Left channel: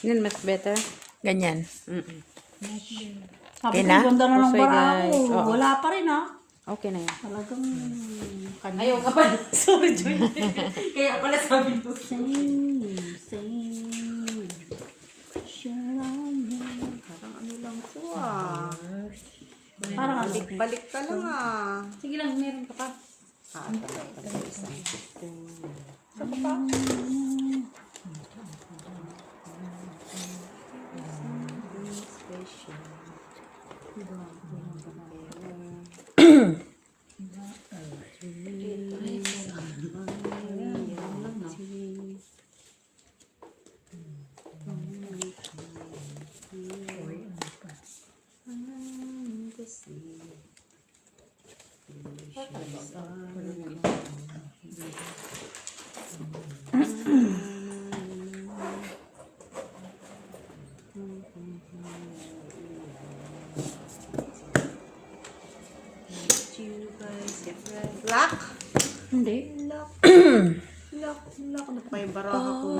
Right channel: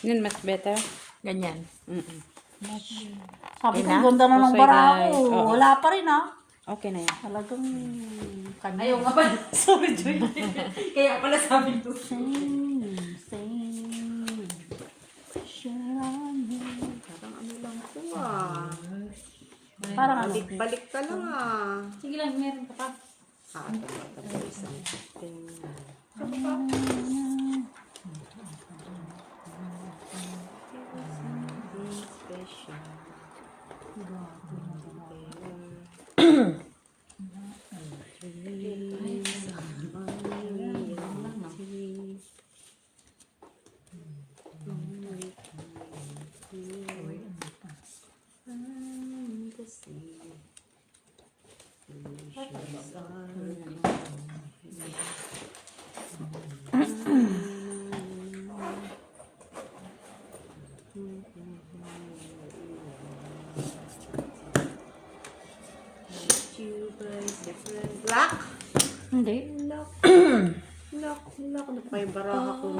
Yun, mas better. Ganyan. Sabi Okay ko, na? ganda na ng Pusoy, bara guys. ko. Oo. Wala pa rin ha. Okay na yan. Talagang kanya. Ayaw nga pala. Sorry, Joy. Kaya pala sabi ko. Sing. Parang ano lang to ah. Parang ano. Balik ka lang ah. Sige lang, meron ka pa. Lock? Hindi. Lock na pa yung baraha ko.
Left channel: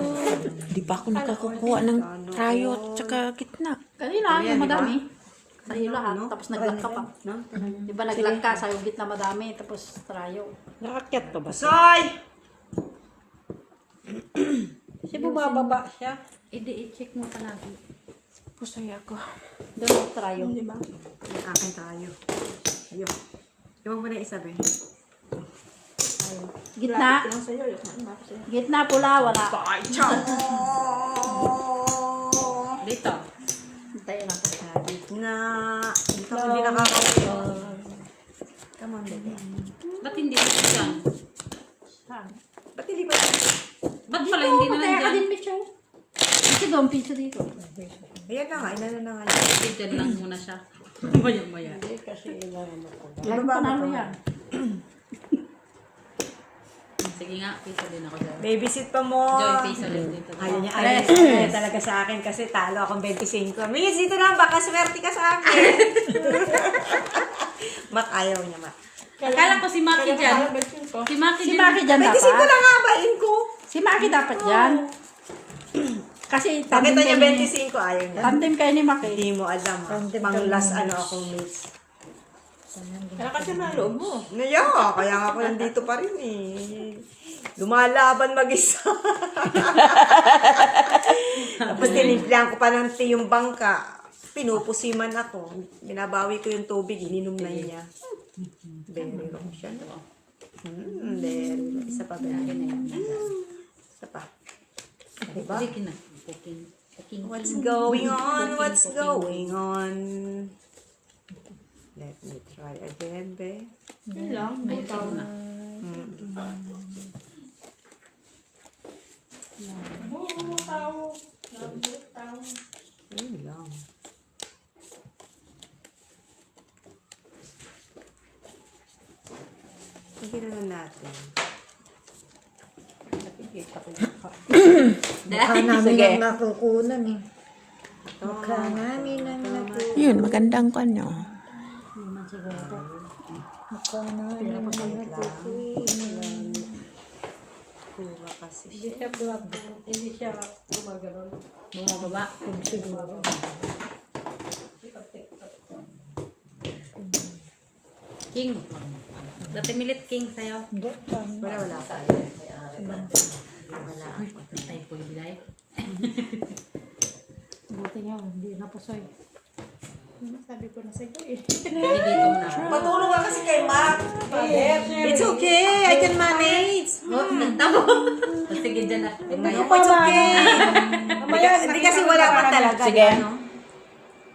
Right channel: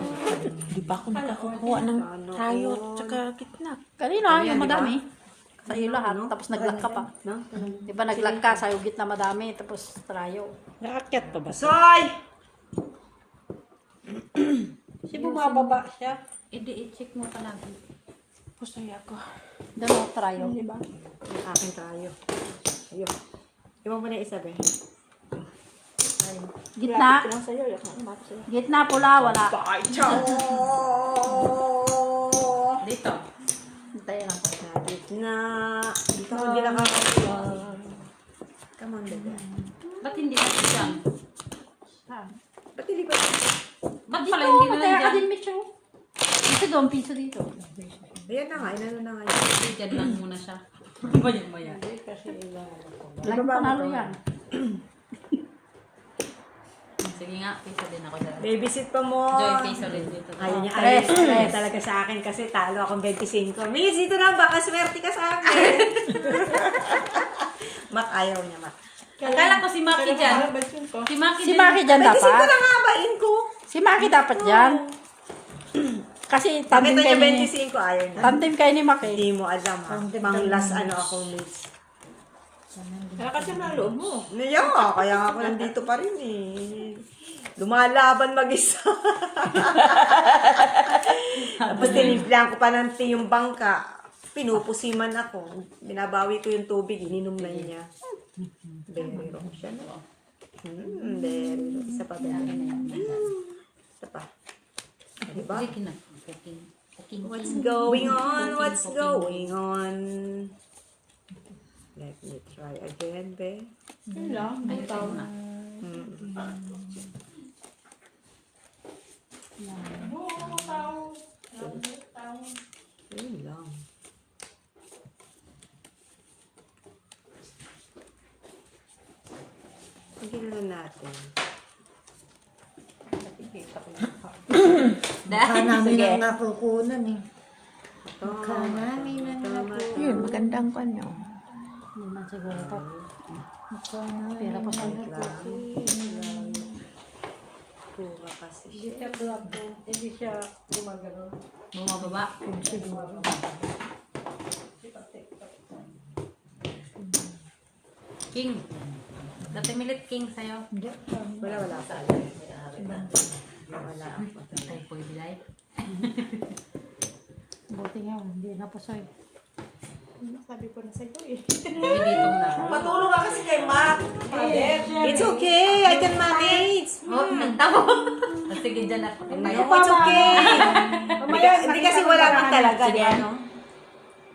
Di ba ako nakakukuha ng trayo at saka kitnak? Kanina, yung madami. Sa'yo lahat, tapos naglag ka pa. No? Di ba naglag ka, sa'yo gitna madami, tapos trayo. Nakakyat pa ba? Soy! Kasi bumababa siya. I-check mo palagi. Pusay ako. Doon trayo. Di ba? Yung akin tayo. Ayun. Di mo na isa, Ben? Gitna. Gitna pula, wala. Dito. Hintayin natin. Gitna. Dito ko hindi nakakaya. Come on, baby. Ba't hindi na dyan? Ba't hindi ko? Ba't pala hindi na Kaya ka nandyan? din, Micho. Ito doon, pizza dito. Ayan na nga, inano na nga. Dyan lang muna siya. Maya-maya. Lagi panalo yan. Sige nga, piso din ako dyan. Babysit pa mo. Joy, piso din dito. Ayaw niya, ayaw talaga sa akin kasi talo akong 25. Miss, dito lang, baka swerte ka sa akin. Mak, ayaw niya, Mak. Akala ko si Maki dyan. Si Maki Si din. Maki dyan 25 dapat. lang nga, bain ko. Si Maki dapat dyan. Kasi tandem Pakita kayo niya ni... 25, ayaw niya. Tandem kayo ni Maki. Hindi mo alam, ha. Pang last ano ako, Miss. Kaya kasi na loob mo. Yeah, kaya nga ako nandito pa rin eh. Lumalaban mag-isa. Tapos tinimplahan ko pa ng yung bangka. Pinupusiman ako. Binabawi ko yung tubig, ininom na niya. Very wrong siya, no? Very wrong. Isa pa, very wrong. Isa pa. Diba? Sige na. King. What's going on? What's going on? Let me try again, babe. Yun lang. Ikaw na. Yun lang. Hindi naman natin. Mukha namin ang nakukunan eh. Mukha namin ang nakukunan. Yun, magandang kanya. Mukha namin ang nakukunan. Pura kasi siya. Bumababa. King. Dati milit King sa'yo. Wala pa. Wala ako. Ay, po ibigay. Buti nga, hindi na po sa'yo. Sabi ko na sa'yo eh. Dito na. Patulong ka kasi kay Mark. It's okay. I can manage. Oh, tamo. Sige dyan na. No, it's okay. Hindi kasi wala pa talaga. Sige. Ano?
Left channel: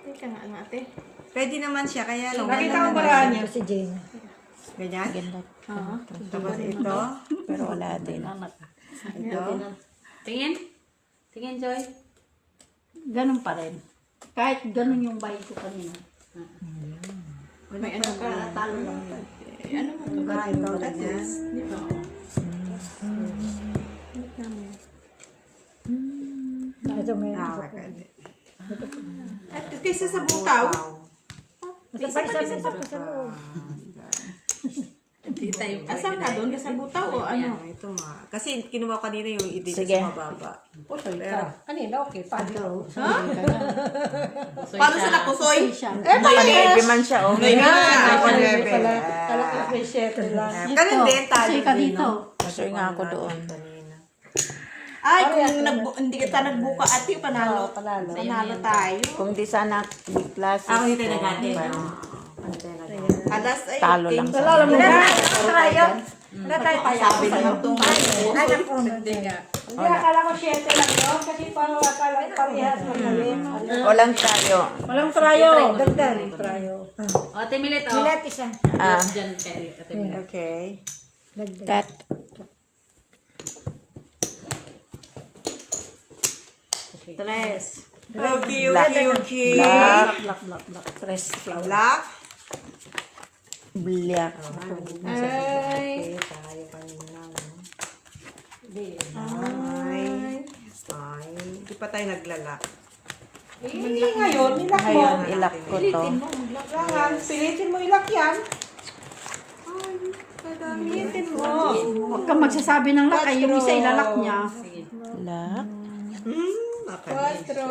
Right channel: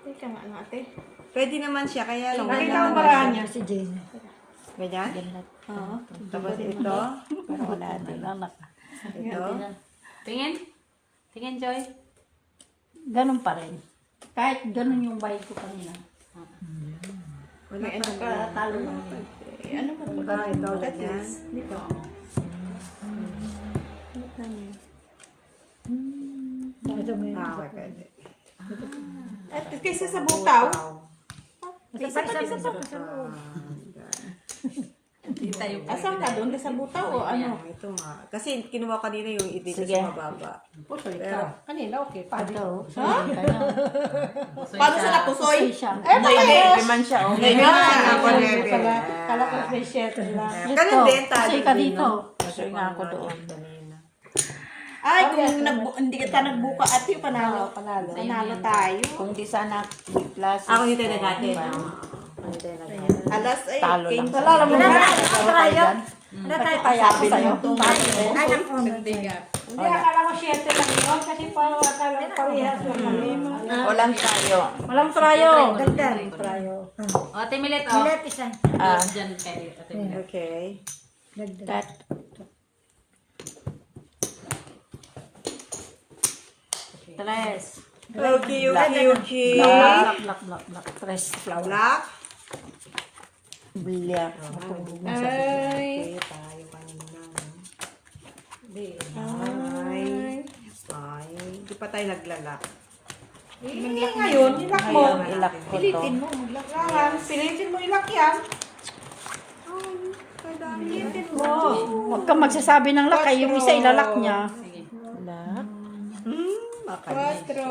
Teka nga ate. Pwede naman siya. Kaya lang. Bakit wala ang naman paraan siya. niya si Jane? Ganyan? Oo. Tapos ito. Pero wala din. Ito. Tingin? Tingin, Joy? Ganun pa rin. Kahit ganun yung bahay ko kanina. May ano ka, talo lang. Eh, ano mo to? Ah, ito. Ganyan. Dito. Ito may Ah, okay. Pwede. At kaysa sa butaw. Wow. Isa pa sa loob. Tayo po. Asan ka doon? Sa butaw o ano? Ito nga. Kasi kinuha ko kanina yung dito Sige. sa mababa. Pusoy ka. Kanina, okay pa. Ha? Pusoy Paano siya. sa napusoy? siya. Naka-heavy man siya. Oh. Okay nga. Kala ko may share lang. Ganun din, talo Kasi ka din, dito. no? Pusoy nga ako doon. Ay, kung hindi ka nagbuka ate, panalo. Panalo tayo. Kung di sana class. Ako dito nagate. Alas ay, Talo lang sa alam mo Wala na. tayo, tayo. Wala tayo. Sabi naman itong Ay, naku. Hindi nga. Hindi, akala ko share lang yun. Kasi parang akala ko parehas magaling. Walang tayo. Walang trayo. Dagdag. O, Ate Milet, o. Milet isa. Diyan kayo, Ate Milet. Okay. Dagdag. Cut. Tres. Okay, okay. Black, black, black, black. Tres flower. Black. Black. ay, Tayo kanina. Ay. Hindi pa tayo naglala. Ngayon, ilak mo. Ngayon, ilak ko to. pilitin mo, maglak ka lang. Pilitin mo ilak yan. Pilitin mo. Huwag kang magsasabi ng lakay. Yung isa ilalak niya. Sige. Black. Quatro.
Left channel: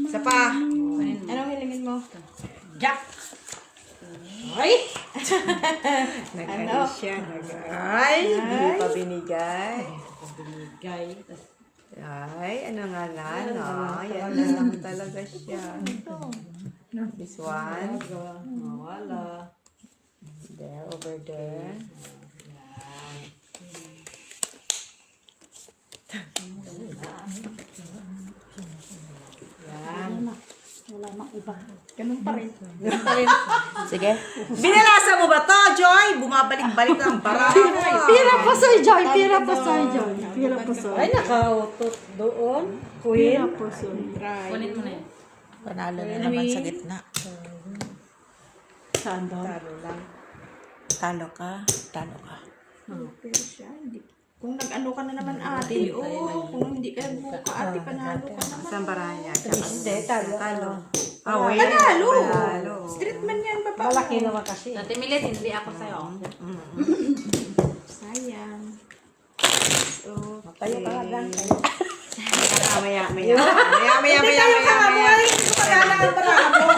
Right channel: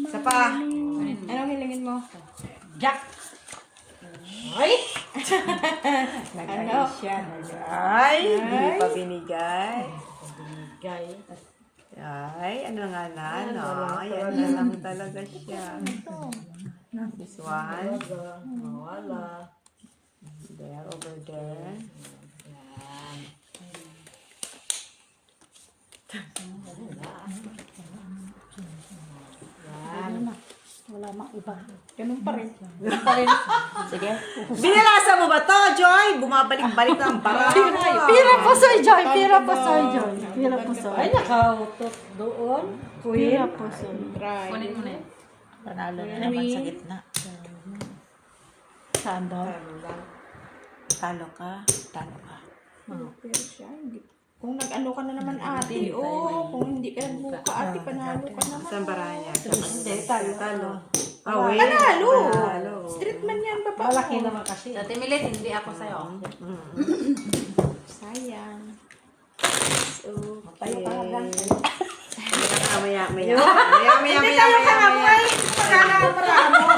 Isa pa. Anong hilingin mo? Jack. Ano? Ay, hindi pa binigay. Gay. Ay, ano nga na, no? Yan na lang talaga siya. This one. Wala. There, over there. Wala mang iba. Ganun pa rin. Sige. Binalasa mo ba to, Joy? Bumabalik-balik ang para. Pira po sa Joy. Pira po sa Joy. Pira po sa Ay, nakautot doon. Pira po sa Try. Kunin mo na yun. Panalo na naman sa gitna. Saan daw? Talo ka. Talo ka. Pero siya, hindi. Kung nag-ano ka na naman ate, kung hindi ka nagbuka ate, panalo ka naman. Saan barahan niya? Hindi, talo. Ah, wait. Panalo! Street man yan, baba Malaki mo. naman kasi. Ate Milet, hindi ako sa'yo. Sayang. Tayo ka lang. Maya. Hindi tayo Ay, pag-alaan mo.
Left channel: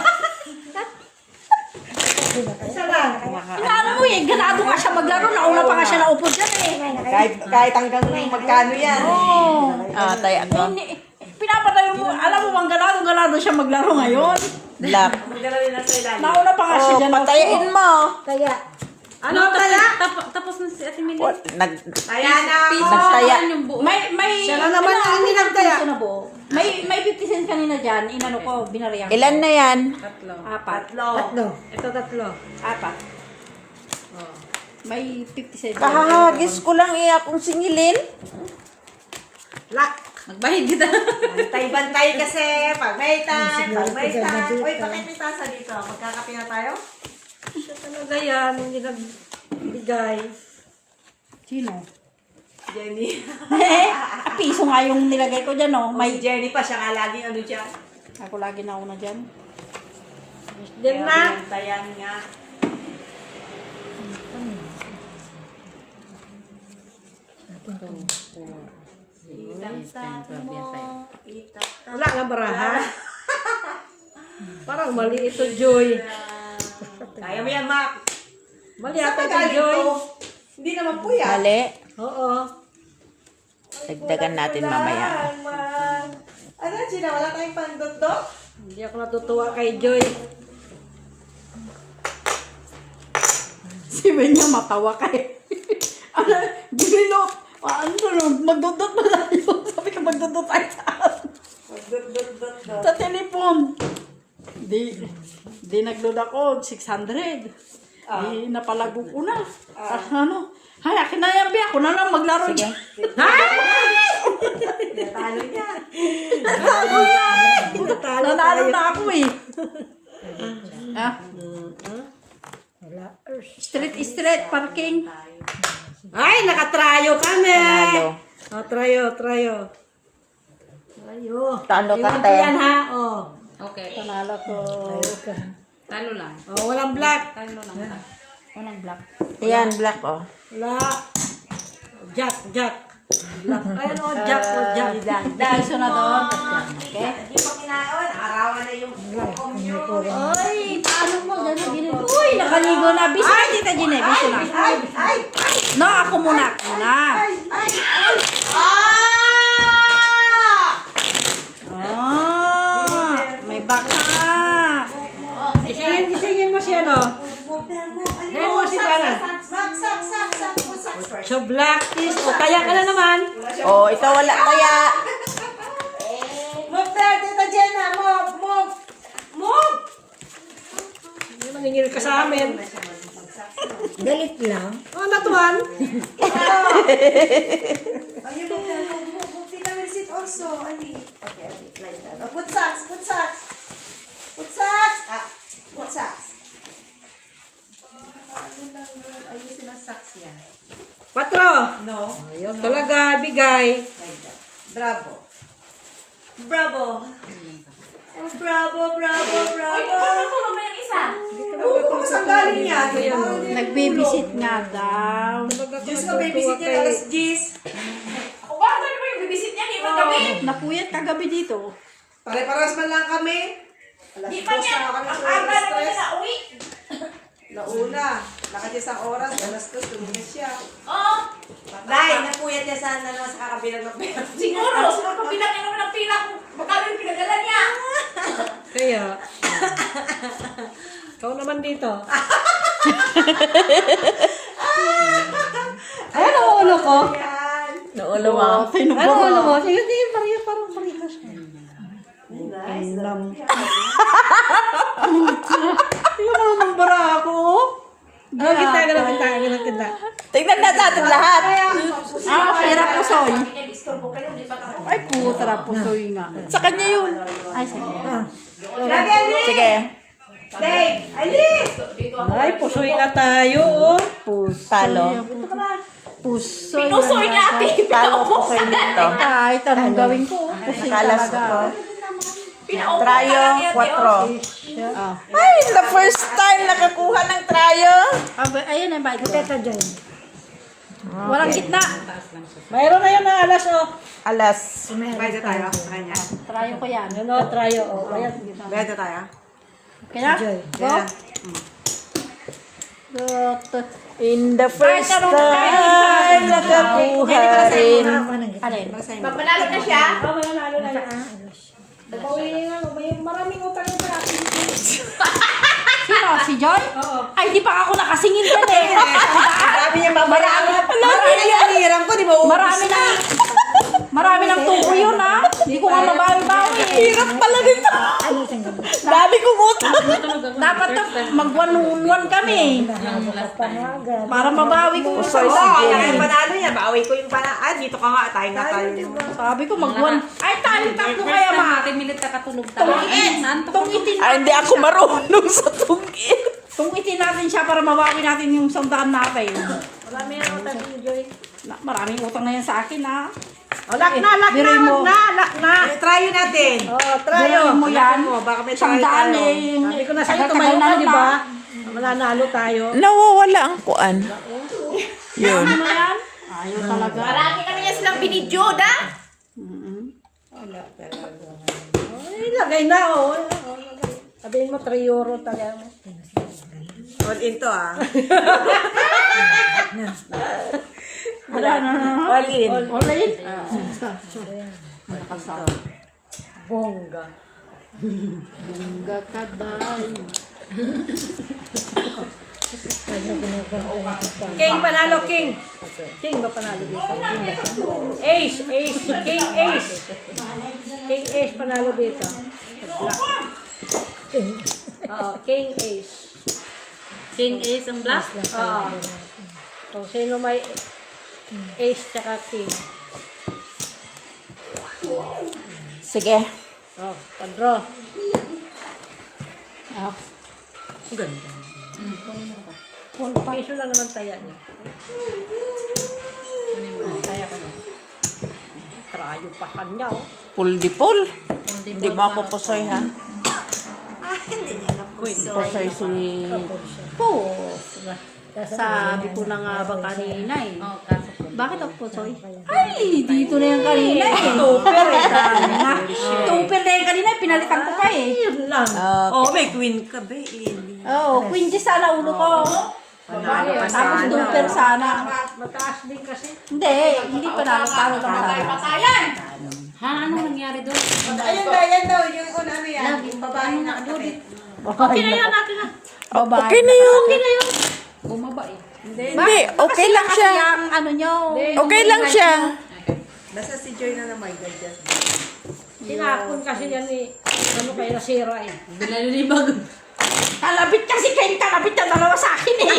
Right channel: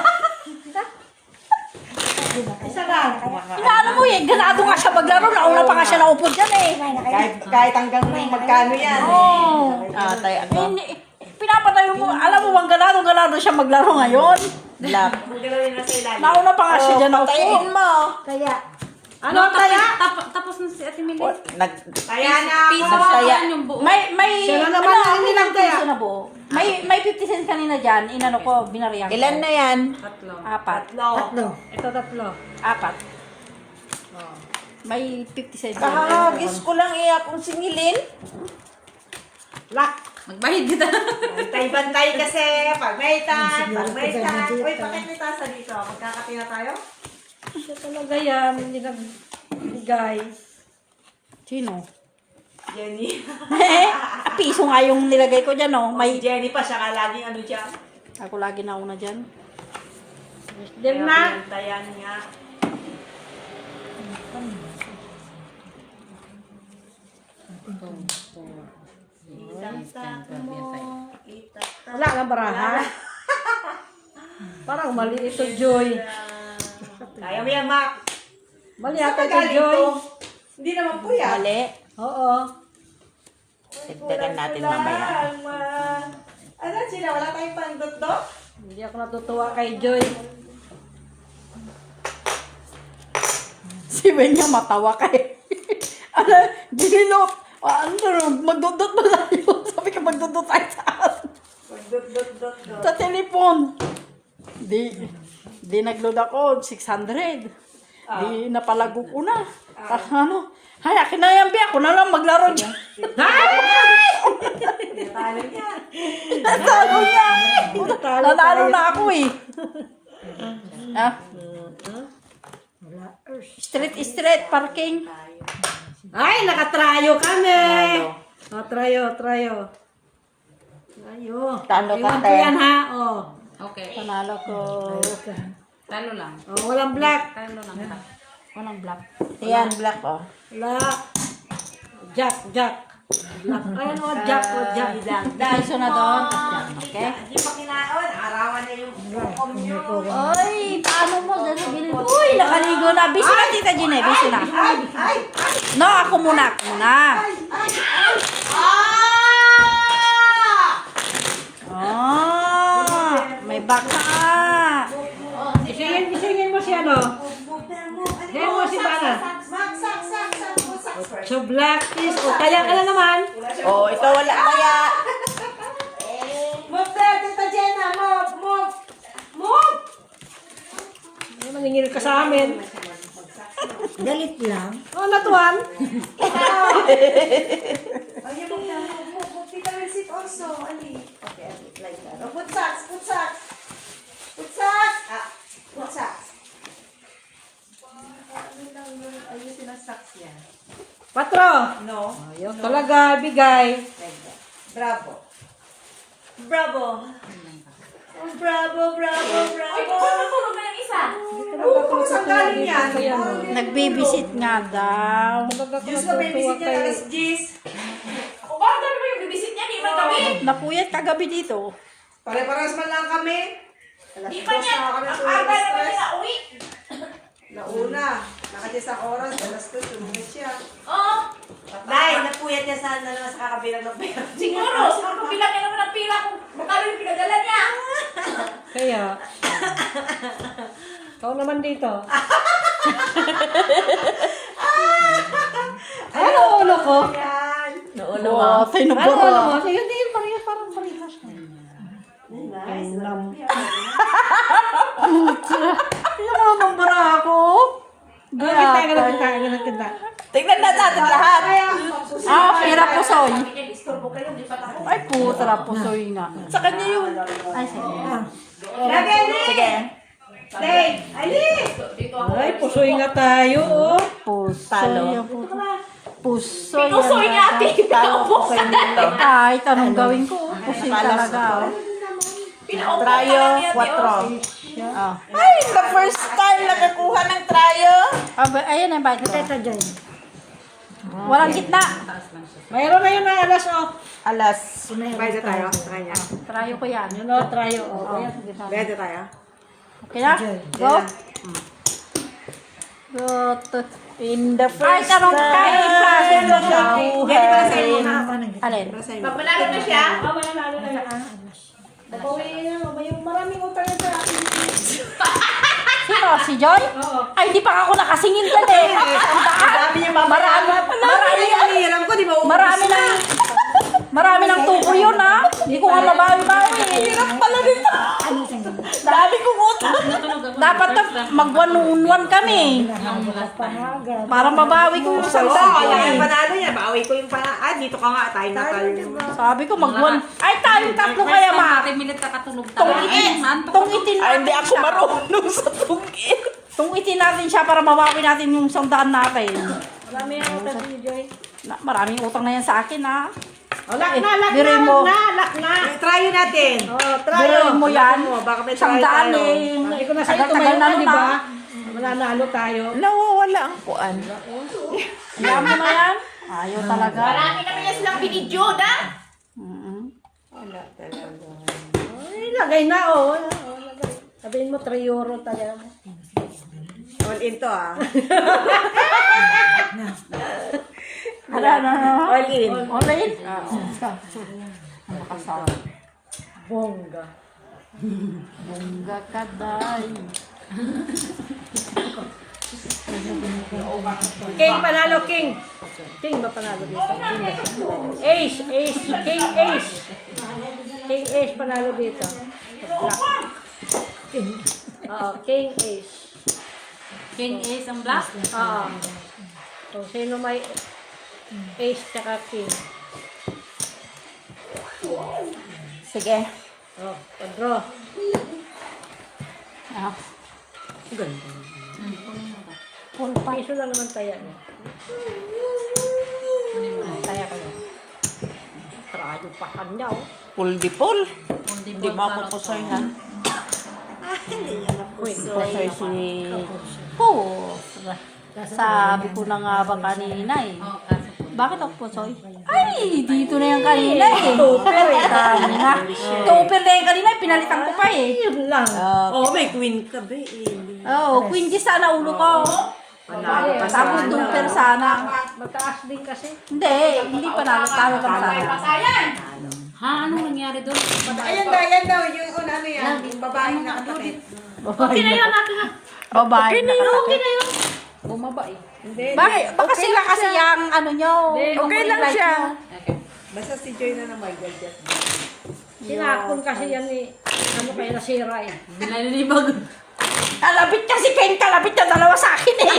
Isa lang. Inaano mo eh. Ganado nga siya maglaro. Nauna pa nga siya naupo dyan eh. Kahit hanggang magkano yan. Ah, tayo ako. Pinapatay mo. Alam mo bang ganado siya maglaro ngayon. Black. Maggalawin na sa ilalim. Nauna pa nga siya dyan. Patayin mo. Kaya, Ano, tapos na si Ate Milet. Kaya na Piso ako. lang yan yung buo. May Siya na naman ang nilagtaya. piso na buo. May 50 cents kanina dyan. Inano ko, binarihan ko. Ilan na yan? Tatlo. Apat. tatlo. Ito tatlo. Apat. May 50 cents. Kahagis ko lang akong singilin. Lock. Magbahid kita. Bantay-bantay kasi. Pag may time. Pag may time. Uy, bakit may tasa dito? Magkakape na tayo? Siya talaga yan. Hindi nagbigay. Sino? Jenny. Piso nga yung nilagay ko dyan, oh. May Jenny pa siya nga laging ano dyan. Ako lagi nauna dyan. Kaya bantayan nga. Wala nga baraha. Parang mali ito, Joy. Kaya mo yan, Mac. Mali Sa ata ito, pagaling Joy. to. Hindi naman po yan. Mali. Oo. Dagdagan natin mamaya. Ano, sila? Wala tayong pandot-dot? Hindi ako natutuwa kay Joy. Si Benya matawa kay. Ano, Gino, magdudot mo tayo. Sabi ka magdudot tayo saan? Pandot-dot-dot. Sa telepon. Di nag-load ako, 600. Di napalago ko na. Ano? Hay, akin na yan, Bea. Ako na lang maglaro dyan. Natalo niya. Nanalo na ako eh. Ha? Street, parking. Ay, nakatrayo kami. Talo. Trayo. Trayo. Talo ka, Iwan ko te. yan ha. Oh. Okay. Panalo ko. Talo lang. Oh, walang black. Talo lang. Walang black. Ayan, black, oh. Black. Jack. Black. Ayan o, Jack. Piso na to. Okay? Hindi pa kinaon. Arawan na yung bukom nyo. Ay, paano mo? Dali, uy, nakaligo na. Biso na, Tita Gine. Biso na. No, ako muna. May baka ka. Gisingin mo siya, no? Gisingin mo si Bana. So, black is, o kaya ka na naman. Oh, ito wala kaya. Move there, Tita Jenna. Move. May mangingil ka sa amin. Galit lang. Oh, natuan. Ayun, move. Tita will sit also. Ali. Okay, like that. Oh, put socks. Put socks. Ayusin ang socks yan. 4. No. Ayun talaga, bigay. Like that. Bravo. Oh, bravo. Oo, kung saan galing yan? Nagbibisit nga daw. Diyos ka, babysit yan, alas 10. Napuyat kagabi dito. Pare-paras man lang kami. Alas 2 na kami sa stress. Launa. Nakadya sa oras, alas 2, tumulit siya. Dahil, napuyat niya sana naman sa kakabilang ng pera. Siguro bilang ka naman ang pila kung magkano yung pinagala niya. Kaya. Ikaw naman dito. Ano ulo ko? Yan. Naulo mo. Ano ulo mo? Sige, tingin Maria, parang paritas ka. Nice. Tingnan mo ng bara ako. Kita. Tingnan na natin lahat. Pira pusoy. Ay, putra pusoy nga. Sa kanya yun. Ay, sige. Sige. Dave, alis! Ay, pusoy nga tayo. Oh. Talo. Pusoy. Pinusoy niya ate. Talo ko sa dito. Ay, tanong gawin ko. Pusoy Talas talaga. Pinaupo ka Trayo, lang niya, 4. Ay, the first time nakakuha ng trayo. Ayun ang bite. Ito dyan. Walang gitna. Mayroon na yun na alas, oh. Alas. Bayad tayo sa kanya. Try ko yan. Ano, trayo, oh. Ayan. Bayad tayo. Okay na? Go. In the first Ay, karong time kain. nakakuha rin. Alin? Pag manalo na siya, Oh, may nalo na yun. May maraming utang na sa akin. Sino? Si Joy? Ay, di pa ako nakasingin ka eh. Sabi niya, marami na yan. Hiram ko, di ba? Marami ng tuko yun, ha? Hindi ko nga mabawi-bawi. Hirap pala dito. Dami kong utang. Dapat na mag-one-on-one kami. Para mabawi ko sa Wala yung panalo niya. Bawi ko yung panalo. Ay, dito ka nga. Tayo na tayo. Sabi ko mag-one. Ay, tayo tatlo kaya first time ma. natin minute kakatulog tayo. Tungitin Ay, hindi ako marunong sa tungkit. Tungitin natin siya para mabawi natin yung sandaan natin. Marami ang utang ni Joy. Maraming utang na yan sa akin, ha? Lock na. Try natin. Oh, Biruin mo yan. Baka may try Sandaan tayo. eh. Sabi ko na sa'yo, Tagal-tagal tumayo na ka, di naman. ba? Mananalo tayo. Nawawala ang kuan. Yan mo na yan? Ayaw talaga. Marami kami niya silang binidyo, da? Ay, lagay na, oh. Sabihin mo, 3 euro tayo mo. All in to, ah. Wala na. All in. All in? Bongga. Bongga ka dahil. King, panalo, King. King ba panalo dito? Ace. King, Ace. King, Ace, panalo dito. Black. Oo, King, Ace. King Ace ang black. Oo. So, sino may Ace tsaka King? Sige. Oh, pa-draw. Piso lang naman taya niya. Trayo pa kanya, oh. Pull di pull. Hindi mapupusoy ha. Hindi niya alam Kasi si... Oo. Sabi ko na nga ba kanina eh. Bakit ako po, Soy? Ay, dito na yung kanina eh. Tupper eh. Tupper na yung kanina, pinalitan ko pa eh. Yun lang. May queen ka ba? Oo, Queen G sana ulo ko. Babae. Tapos tupper sana. Mataas din kasi. Hindi pa nalitaw lang sana. Patayan! Ha, anong nangyari doon? Ayan daw, yung kung ano yan. Yung babae nakatabi. Okay na yan natin na. Babae. Okay na yun. Okay na yun. Bumaba eh. Hindi, okay lang Kasi siya. yung ano nyo. Okay lang siya. Nasa si Joy na naman. Sinakon kasi yan eh. Ano kaya nasira eh. Bilalibag. Kalabit kasi kayong kalabit na dalawa sa akin eh.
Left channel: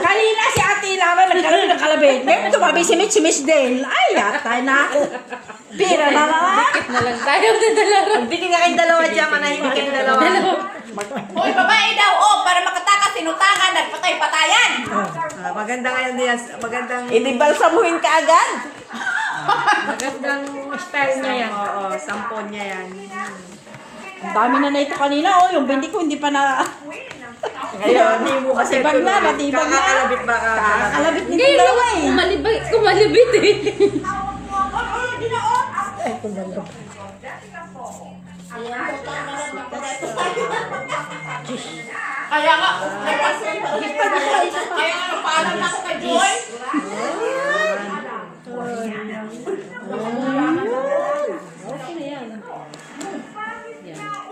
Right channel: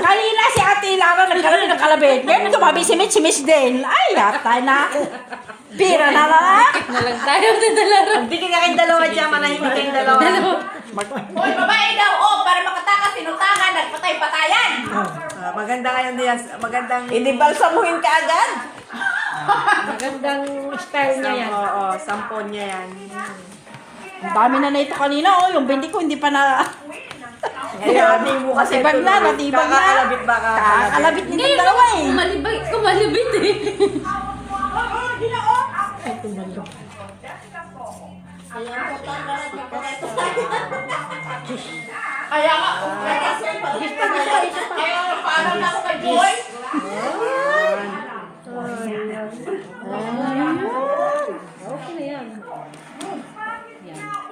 Kanina si Ate Lara nagkaroon ng kalabit. Ngayon tumabi si Miss Dale. Ay, yata na ako. Pira na nga. Walang tayo na dala. Magbigay nga kayong dalawa dyan, manahimik kayong dalawa. Hoy, babae daw, para makatakas, tinutangan, nagpatay-patayan. Maganda nga yun yan. Magandang... Inibalsamuhin ka agad. Magandang style niya yan. Oo, sampon niya yan. Ang dami na ito kanina. Oh, yung bindi ko hindi pa na... Kaya hindi mo kasi Natibag na, natibag na. kalabit baka Kalabit din yung dalawa eh. Kumalibit eh. Kaya nga, kaya nga, parang ako kay Joy. Okay na yan.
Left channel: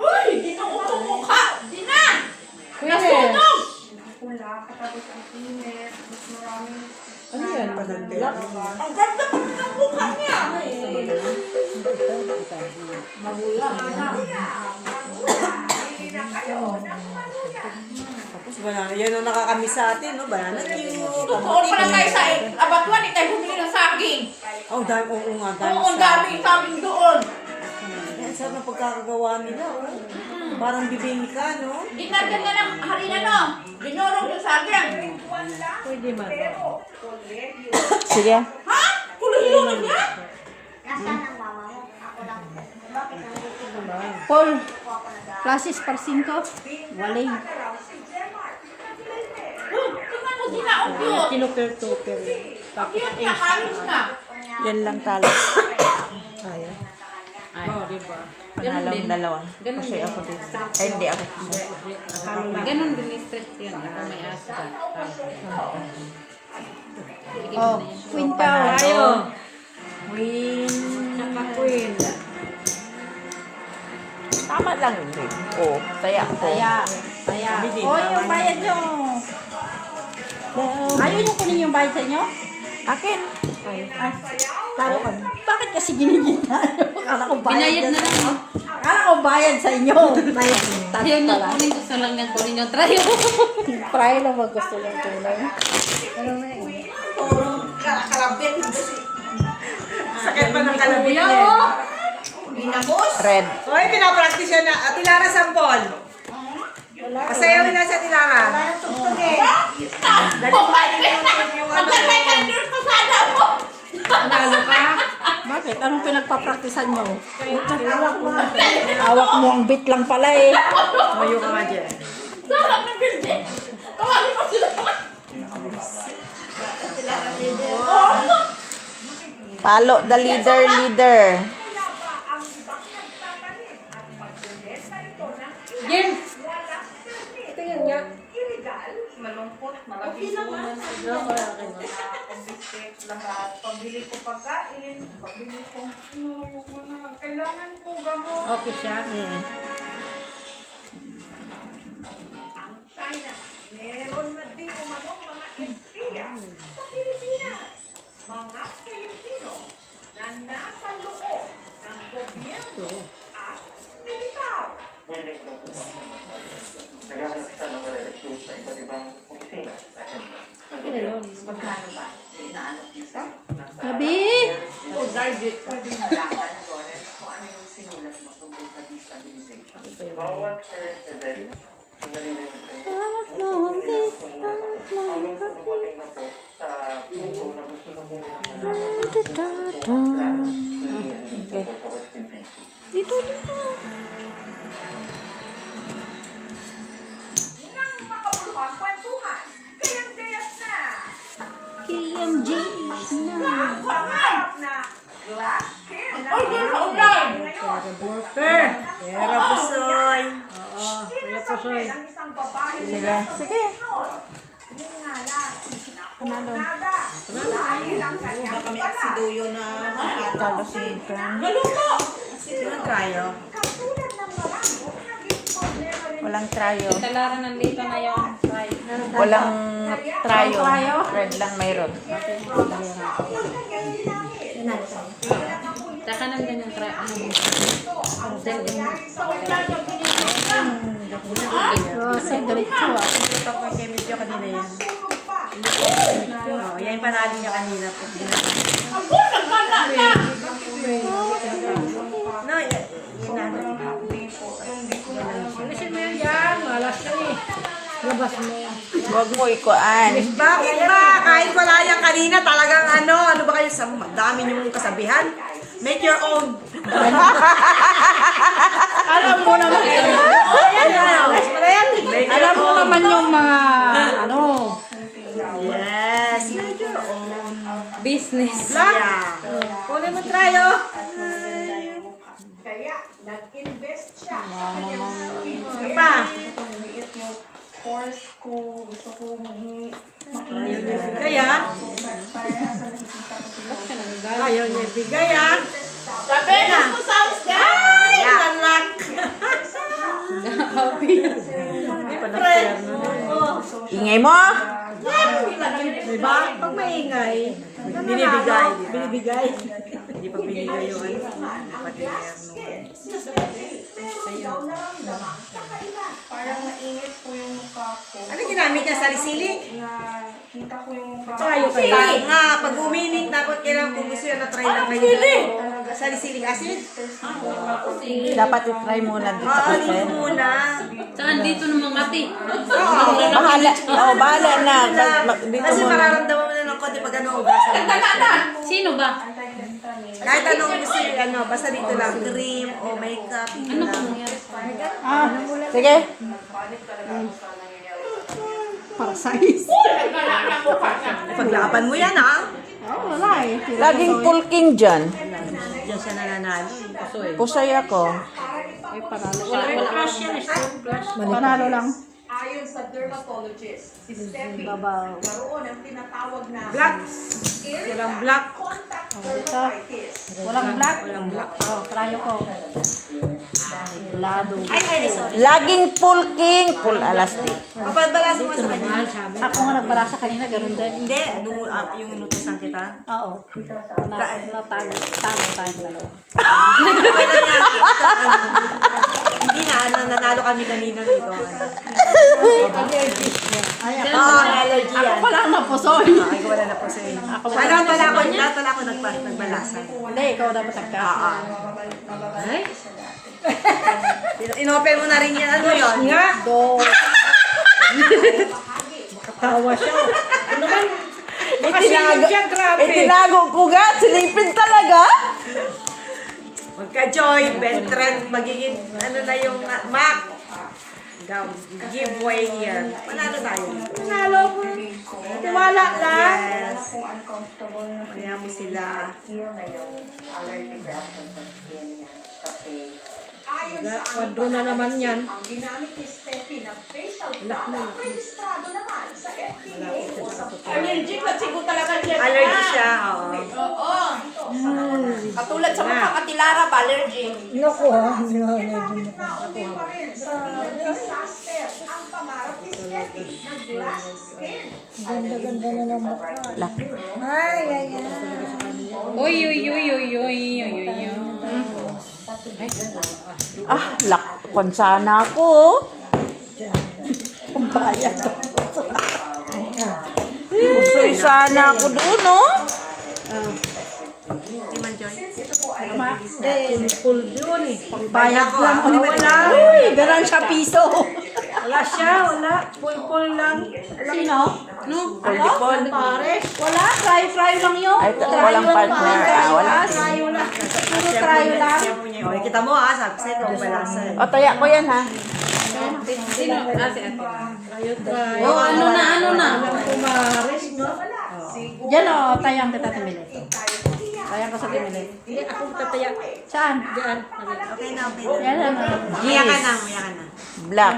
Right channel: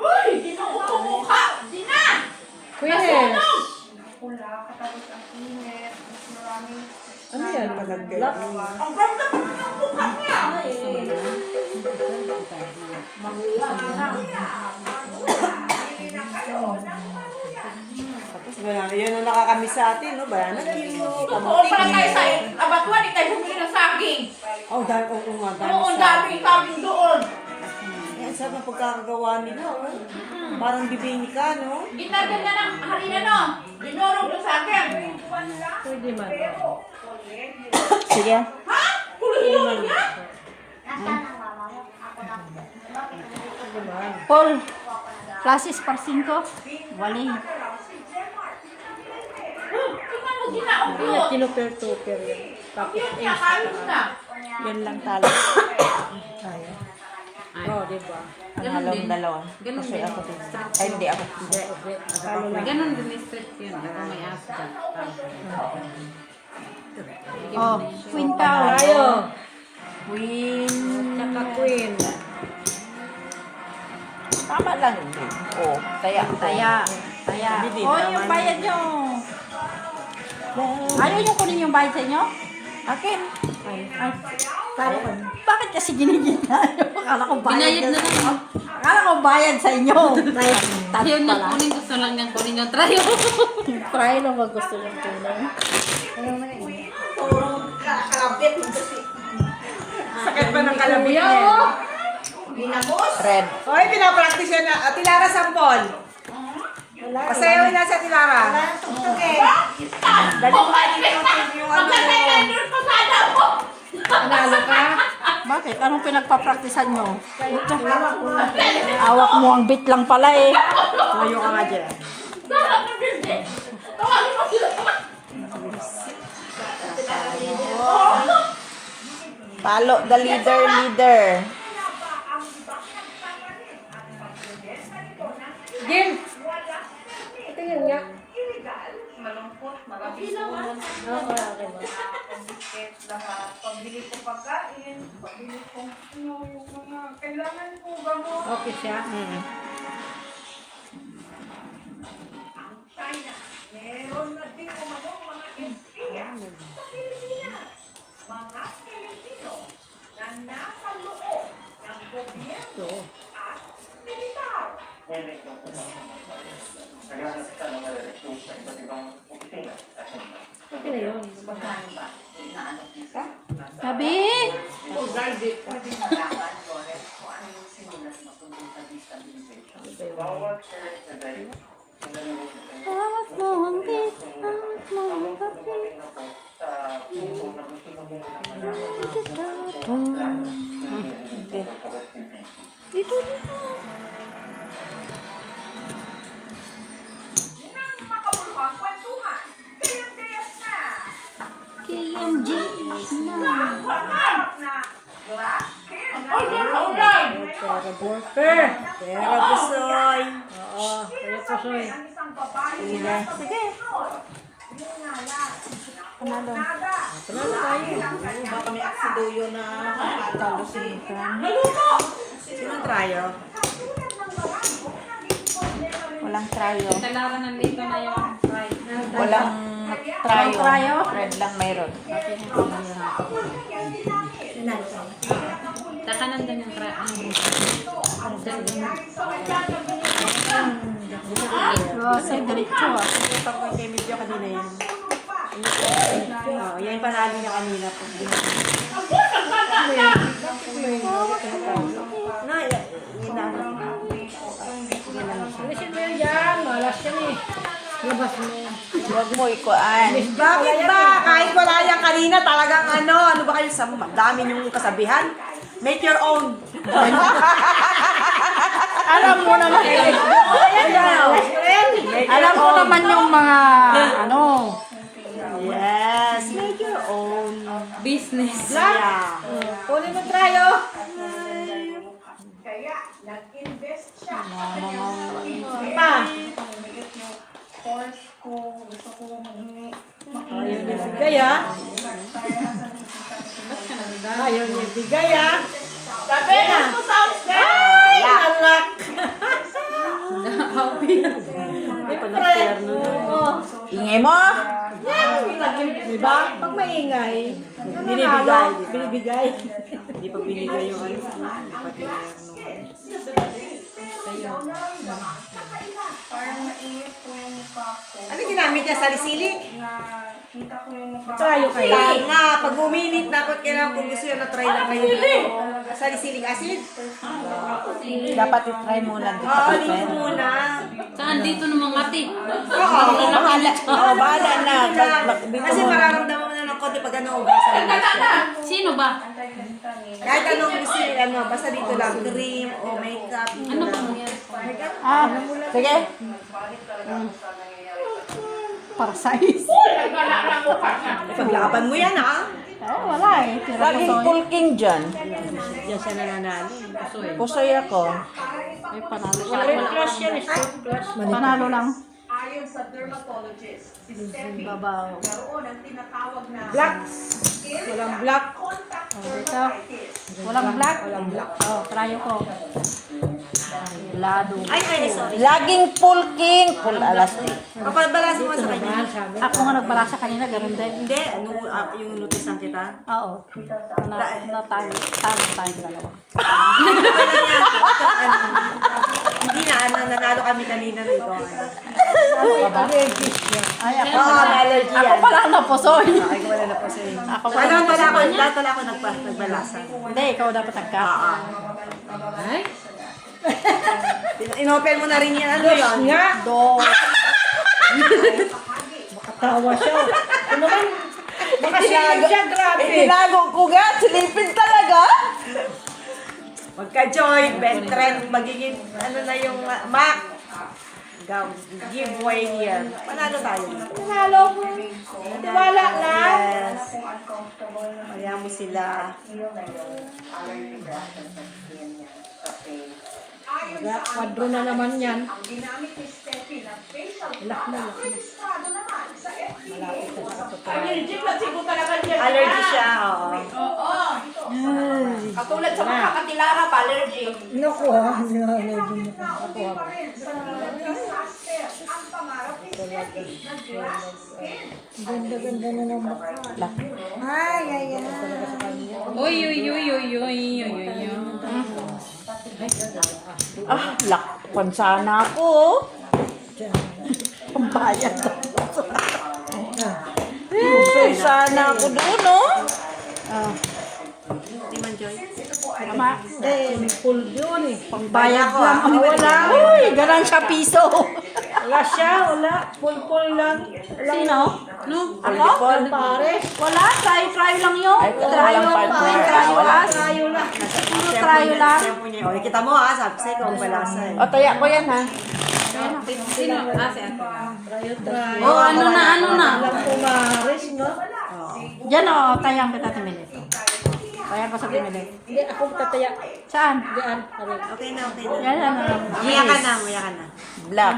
Uy, di na utumukha. Di na. Queen. Ano yan? Black. Ang ganda po ng mukha niya. Tapos wala, yan ang nakakamiss sa atin, no? Banana cute. Doon pa tayo sa abatuan, tayo bumili ng saging. Oo nga, dami Oo, ang daming saging doon. Ang sarap ng pagkakagawa nila, oh. Parang bibingka, no? Ginagyan na ng harina, no? Dinurog yung saging. Pwede man. Sige. Ha? Kulong-kulong niya? Paul, classes par 5. Walay. Tingnan mo, di na ugot. Kinuper-tuper yan. Tapos Nakalos na. Yan lang tala. tayo. Oo, diba? Panalong dalawa. Kasi ako din. Ay, hindi ako. Ganon din yung stretch yun. Yung may asa. Oh, Queen ka. Tayo. Queen. Saka queen. Tama lang yun. Oo, taya ako. Taya. Oh, yung bayad nyo. Ayaw nyo kunin yung bayad sa inyo? Akin. Taro ka. Bakit kasi ginigita? Akala ko bayad. Binayad na lang. Akala ko bayad sa inyo. Tayo na kunin gusto lang niyang kunin yung try. Try na mag gusto yung tunay. Ano na yun? Sakit pa ng kalabit niya. Red. Hoy, pinapractice yan na. Ate Lara, sampol. Pasayaw na sa Ate Lara. Nanalo ka? Bakit? Anong pinagpapraktisan nyo? Hawak mo ang bit lang pala eh. Mayo ka nga dyan. Sarap ng building. Tawagin mo sila. Palo, the leader. Jim! Ito yun nga. Okay siya. Sabi? Hawak mo ang bit. Hawak mo ang bit. Dito. Per. Pero Pusoy. Oo, kaya po soy. Sige. Sige. Si Duyo na talo si Sino trayo? Walang trayo. Talaga nandito na yung Walang trayo. Red lang mayroon. Taka nandun yung try. Ano mo? Kasi diretso ba? Kay medyo kanina yan. Oo, yan yung panalo niya kanina po. No, Alisin mo yan dyan. Malas yan eh. Labas mo. Huwag mo ikuan. bakit ba? Kahit wala yan kanina, talagang ano ba kayo sa dami niyong kasabihan? Make your own. Alam mo naman. Alas mo na yan. Alam mo naman yung mga ano. Yes, make your own. Business. Black. Kunin mo trayo. Ano pa? Ayaw niya bigay ah. Ayaw niya bigay ah. Sabi mo sa Ay, lalak. Ingay mo. Diba? Pag maingay, Binibigay. binibigay. Hindi pa binigay yung ano. Ano ginamit niya? Sali-sili? Tayo kayo. Nga, pag uminit na, pag kailangan kung gusto yun, na-try na kayo. Sali-siling acid? Dapat i-try muna dito. Oo, dito muna. Saan dito naman ate? Bahala na. Kasi mararamdaman mo na ng konti pag ano, ugasan mo siya. Sino ba? Kahit anong gusto yung ano, basta dito lang, cream o makeup. Ano ba? Sige. Para size. Paglaban mo yan, ha? Oo, wala eh. Tira Laging ko pulking dyan. Diyan siya nananalo. Pusoy ako. Ay, panalo. Wala. Panalo lang. Ayon sa dermatologist, si Steffi, Babaw. naroon ang tinatawag na Black. Walang black. contact Ito. dermatitis. Walang black. Walang black. Oh, trayo ko. Lado. Ay, sorry. Laging pulking. Full alastic. Papadbalasin mo sa kanya. Ako nga nagbalasa kanina, ganun din. Hindi, ano, yung inutusan kita. Oo. Natalo. Hindi na, nanalo kami kanina dito. Allergies yan. Ay, ako. Oo, allergy yan. Ako pala ang napusoy. Ay, wala na po sa'yo. Lahat wala ako nagbalasa. Hindi, ikaw dapat nagka. Ay? Inopen mo na rin yan. Ano yun? Nga. Makatawa siya. Ano ba? Makasilip siya, grabe. Itinago ko ga. Silipin talaga. Magka-join, best friend, magiging, ano na yung Mac. Giveaway here. Panalo tayo. Nanalo ko. Tiwala lang. Yes. Kaya mo sila. Kwadro na naman yan. Ang ginamit ni Steffi na facial Lak na, lak na. registrado naman sa FDA. Allergy siya, oo. Katulad sa mga katilara pa, allergy. Naku ha. Allergy mo ka. Ako ha. Disaster ang pangarap ni Steffi na glass skin. Ganda-ganda na ng mukha. Ay, ay, ay. Uy. Lakpan sana ako. Bayad. Pusoy sana ako doon, no? Hindi, full yun eh. Bayad ko, ah. Wala. Uy, ganun siya piso. Wala siya, wala. Full lang. Sino? No? Ako? Pare. Wala, try lang yun. Ay, walang partner. Wala. Trayo lang. Puro trayo lang. Okay, kita mo ha, sabi sa'yo kung balasa. O, taya ko yan, ha? Sino? Si ate. Tayo. Oh, ano na? Walang pumaris, no? Diyan o, tayang kita tumili. Tayang ko sa tumili. Hindi, ako tataya. Saan? Diyan. Okay na, okay na. Yan na. Maya ka na, maya ka na. Black.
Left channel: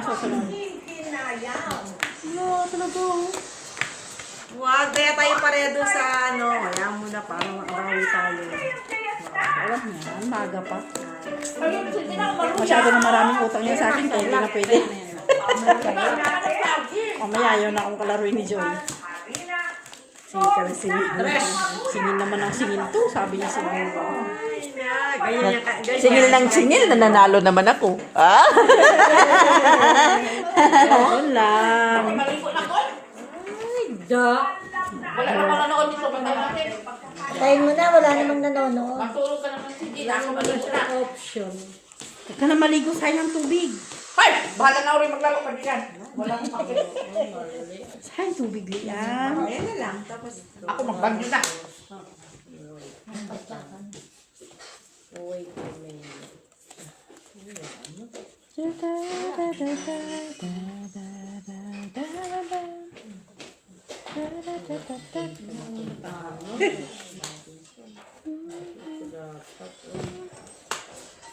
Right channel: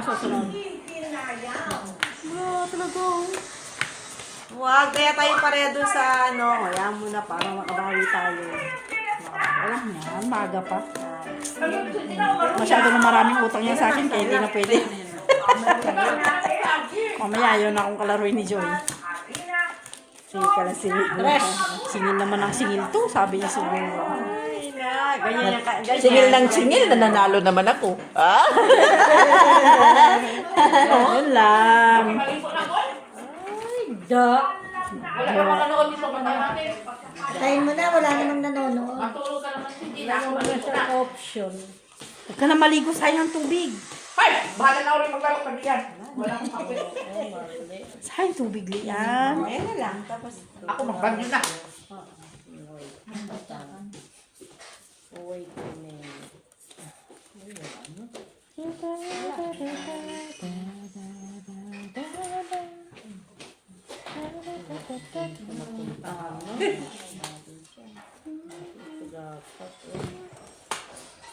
Wag, kaya tayo pareho doon sa ano. Kaya muna para makabawi tayo. Alam mo na, umaga pa. Masyado na maraming utang niya sa akin, kaya hindi na pwede. Mamaya ayaw na akong kalaruin ni Joy. Sige ka na, sige. Singil naman ang singil to, sabi niya singil. Ganyan yung ganyan. Singil ng singil, nananalo naman ako. Ah? Ayun lang. Da. Nanonood dito ka naman. Tayin mo na, wala namang nanonood. Matulog ka naman hindi Wala na. naman na siyang option. Huwag ka na maligo sa ng tubig. Ay! Bahala na ulit maglaro ka diyan. Wala akong kapit. Saan tubig liyan? Ayan na lang. Tapos, Ako magbangyo na.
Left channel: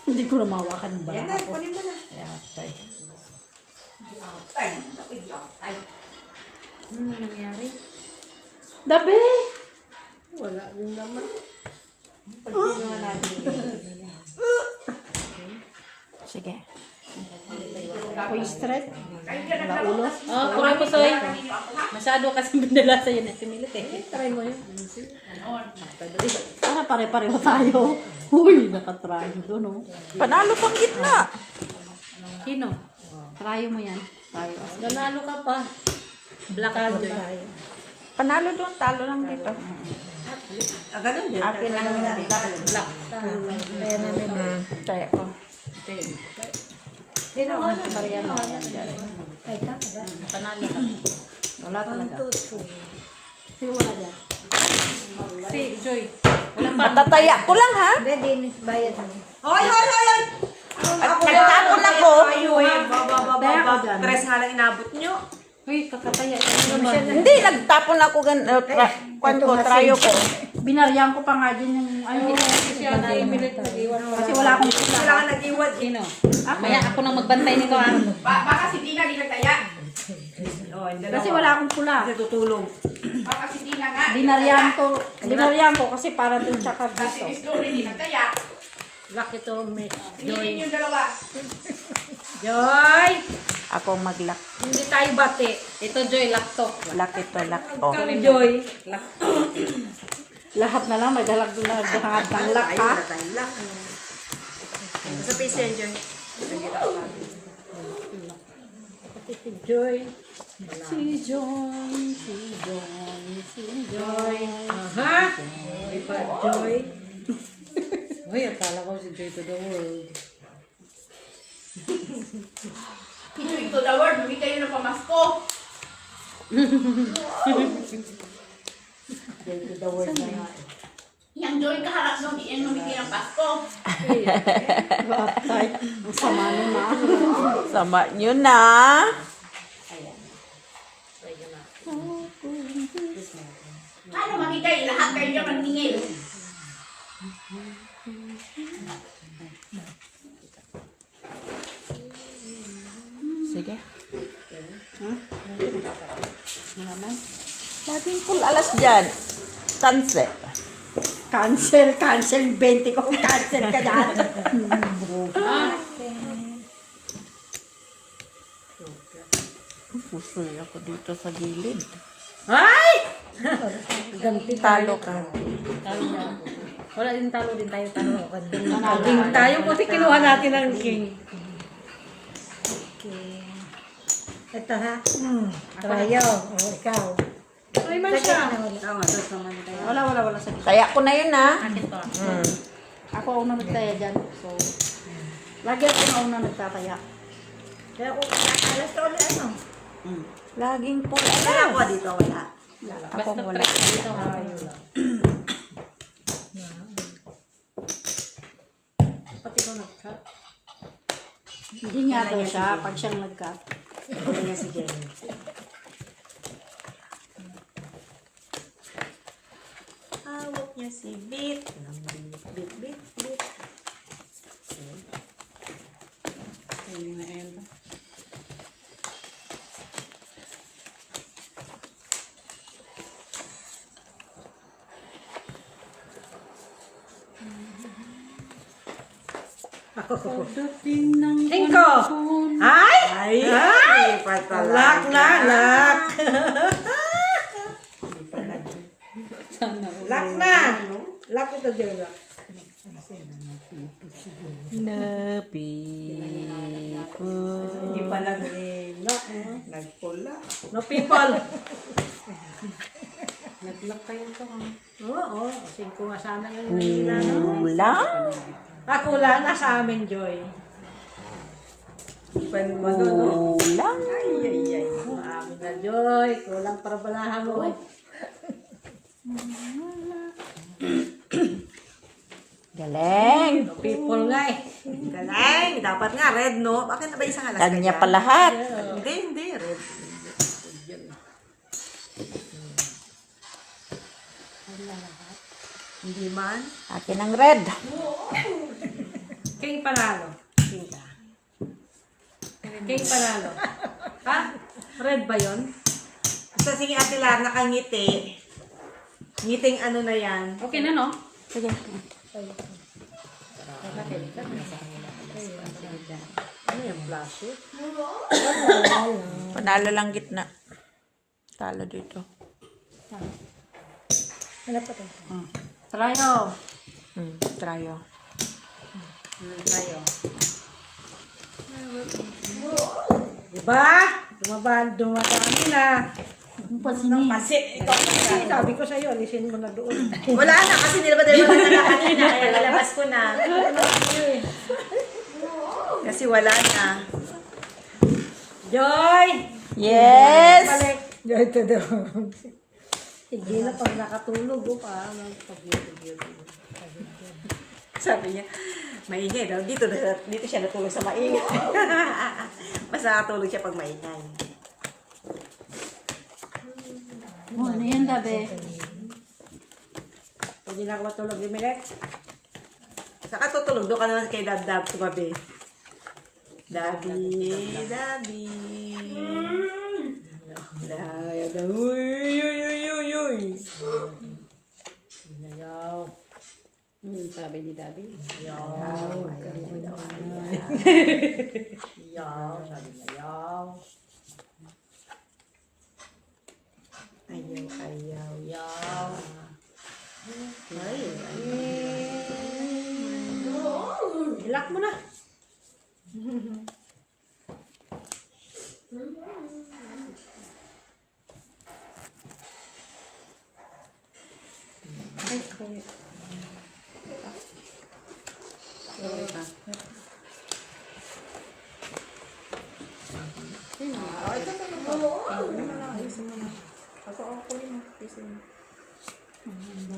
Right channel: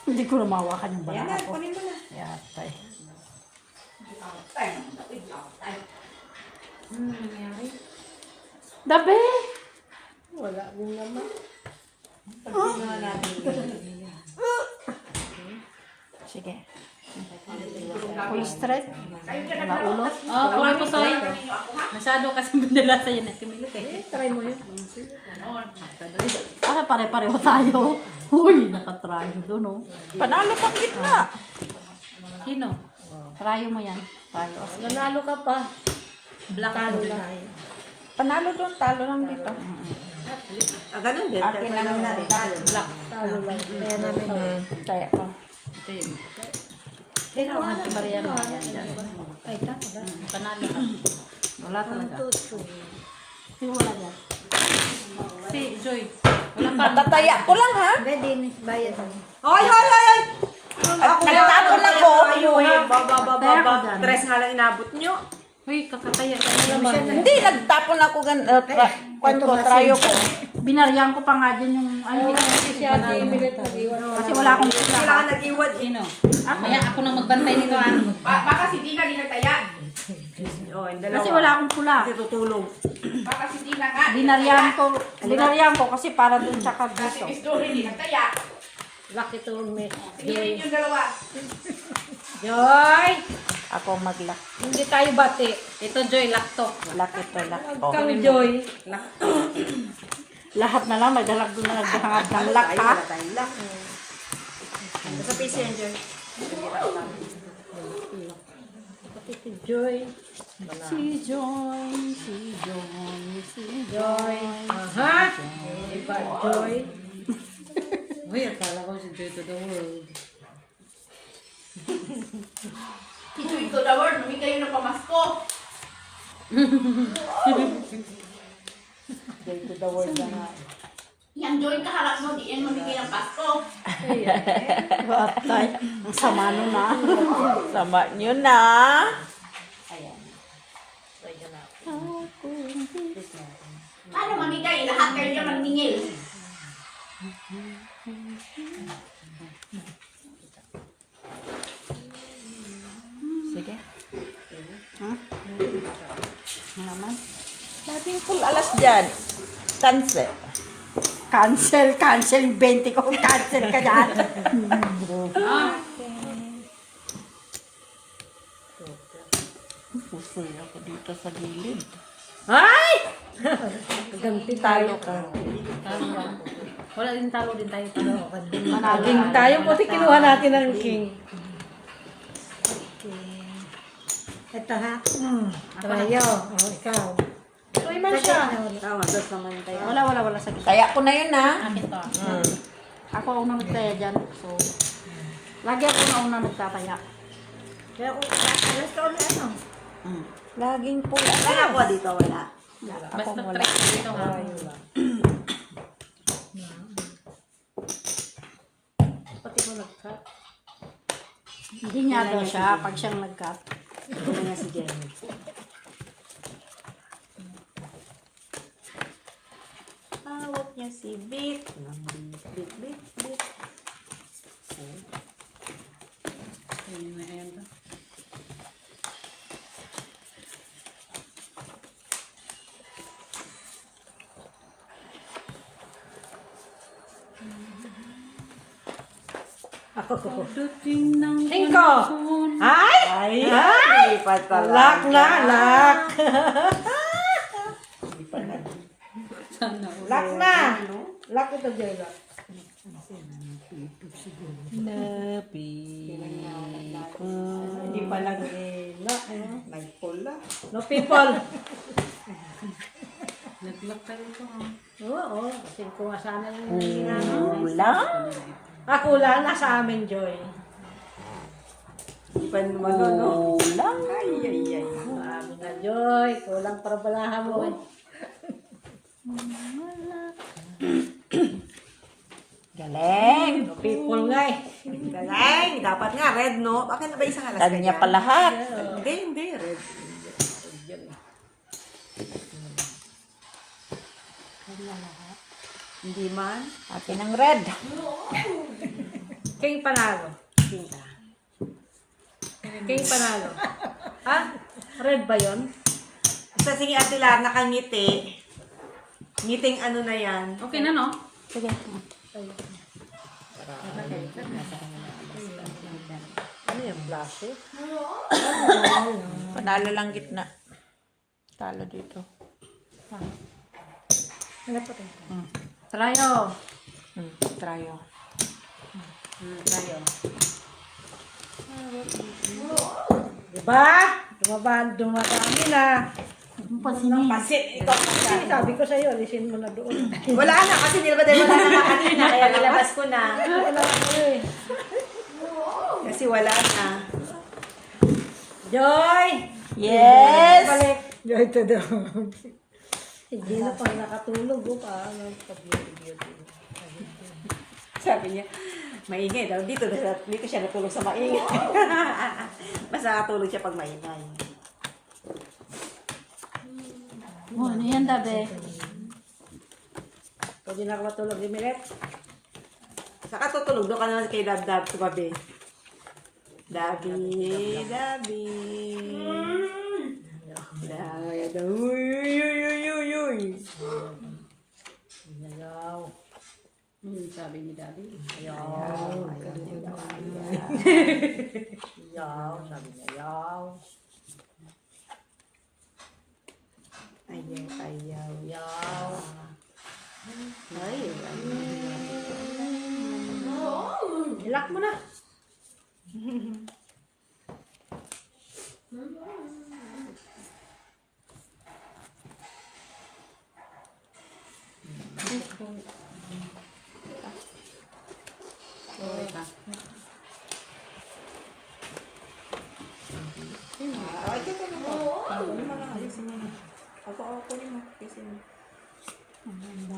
Hindi ko na mawakan yung ayan bala. na, kunin mo na. Yatay. Dabe! Wala din naman. Sige. Uy, straight. Ulo. Oh, pura po soy. Masyado kasi binala sa yan. Timilit eh. Try mo yun. Para pare-pareho tayo. Uy, nakatry doon, no? Panalo pang gitna. Sino? Try mo yan. Tayo. Nanalo ka pa. Black Talo po. tayo. Panalo doon, talo lang dito. Ganun din. Akin lang na black. Talo lang. Kaya namin yun. Kaya ko. Sino ka na? Ay, tama ba? Panalo ka. Wala talaga. 1, 2, 3. Sino wala dyan? Si Joy. Walang pa. Matataya ko lang ha. Hindi, din. Bayad mo. Hoy, hoy, hoy, hoy! Nagtapon ako. Tres nga lang inabot nyo. Uy, kakataya. Hindi, nagtapon ako kwento ko, trayo ko. Binaryan ko pa nga dyan yung... Ano, Siya na imilit nag-iwan mo. kasi wala akong... Kailangan nag-iwan. Sino? Maya ako nang magbantay nito ah. Baka si Tina di nagtaya. Oh, Kasi wala akong pula. Kasi tutulong. Baka si Tina nga. Binaryan ko kasi para doon tsaka Kasi dito. Miss Dory di nagtaya. Laki to may Tingin yung dalawa. Joy! Ako maglak. Hindi tayo bati. Ito Joy, laptop. Laki to lak. Oh. Kang Joy. Lahat na lang nagalag doon na halak ha. Sa piso yan, Joy. Pati si Joy. Si Joy, si Joy, si Joy. Aha! Joy. Uy, akala ko si Joy to the world. Si Joy to the world. Hindi kayo ng pamasko. Joy to the world na nga. Yang Joy kaharap mo. Di yan mamigay ng Pasko. Atay. Ang sama nyo na. Sama nyo na. Ano mamigay? Lahat kayo maningil. Sige. Laging full alas dyan. Sunset. Cancel, 20 ko. Cancel ka dyan. Pusoy ako dito sa gilid. Ay! Ganti tayo. Talo ka. Talo na. Wala din talo din tayo. Talo ka din. King tayo kasi kinuha natin ang king. Okay. Ito ha. Trayo. O, ikaw. Uy, man siya. Wala sa Kaya ko na yun ha. Akin to. Ako ang unang nagtaya dyan. So, lagi ako ang unang nagtataya. Kaya kung alas ka na ano. Laging full Ay, alas. ako dito, wala. Basta press ko dito. Pati ko nag-cut. Hindi nga daw siya pag siyang nagka. Ano nga si Jenny? niya si Bit. Bit, Bit, Bit. Ako. Pagdating ng Cinco. panahon. Ay! Ay, patala. Lock na, lock. Sana all. Lock na. Lock ito dyan. Lock. Hindi pa nag-lock. Nagpula. No people. Nag-lock kayo ka. Oo, cinco nga sana yung nangyayari. Ulang? Ako lang, nasa amin, Joy. Ulang? Amin na, Joy. Kulang para balahan mo. Galing. No people nga eh. Galing. Dapat nga, red, no? Bakit na ba isang alas Kanya pa lahat. Hindi, red. Hindi man. Akin ang red. King panalo. King panalo. Ha? Red ba yun? Basta sige, Ate Lar, nakangiti. Ngiting ano na yan. Okay na, no? Sige. Ano yung flash eh? Panalo lang gitna. Talo dito. Wala pa tayo. Trayo. Tryo. Trayo. Diba? Dumadami na. Pasini. Kasi sabi ko sa'yo, alisin mo na doon. Wala na, kasi nilabas wala na kanina. Kaya nilabas ko na. Kasi wala na. Joy! Yes! Balik. Joy to the hindi na pag nakatulog ko pa. Sabi niya, maingay daw. Dito siya natulog sa maingay. Basta nakatulog siya pag maingay. Ano yan, Dabe? Pwede na ako matulog di Milet. Saka tutulog doon ka naman kay Dab-Dab tumabi. Dabi, Dabi. Dabi, uy, uy, uy, uy, uy. Ayaw. Sabi ni Dabi. Ayaw. Ayaw. Sabi niya ayaw. Ayaw, ayaw. Ayaw. Ay, Ilak mo na.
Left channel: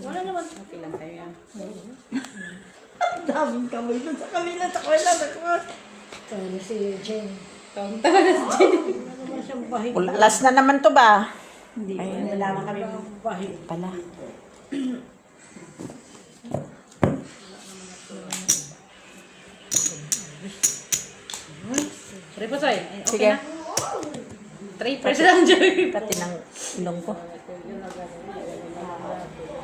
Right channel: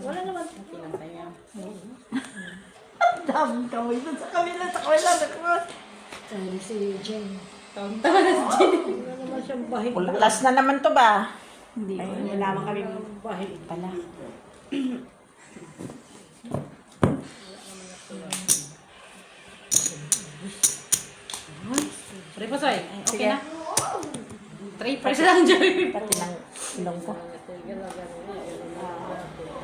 wala naman. Okay lang tayo. Daming kawin doon sa kabila, sa kabila. Sabi si Jane. Tawa na si Jenny. Wala naman siyang bahig. Last na naman to ba? Hindi. Ay, Wala naman kami. Bahig. pala. Try pa, Soy. Okay Sige. na. Try pa lang, Joy. Pati ng ilong ko.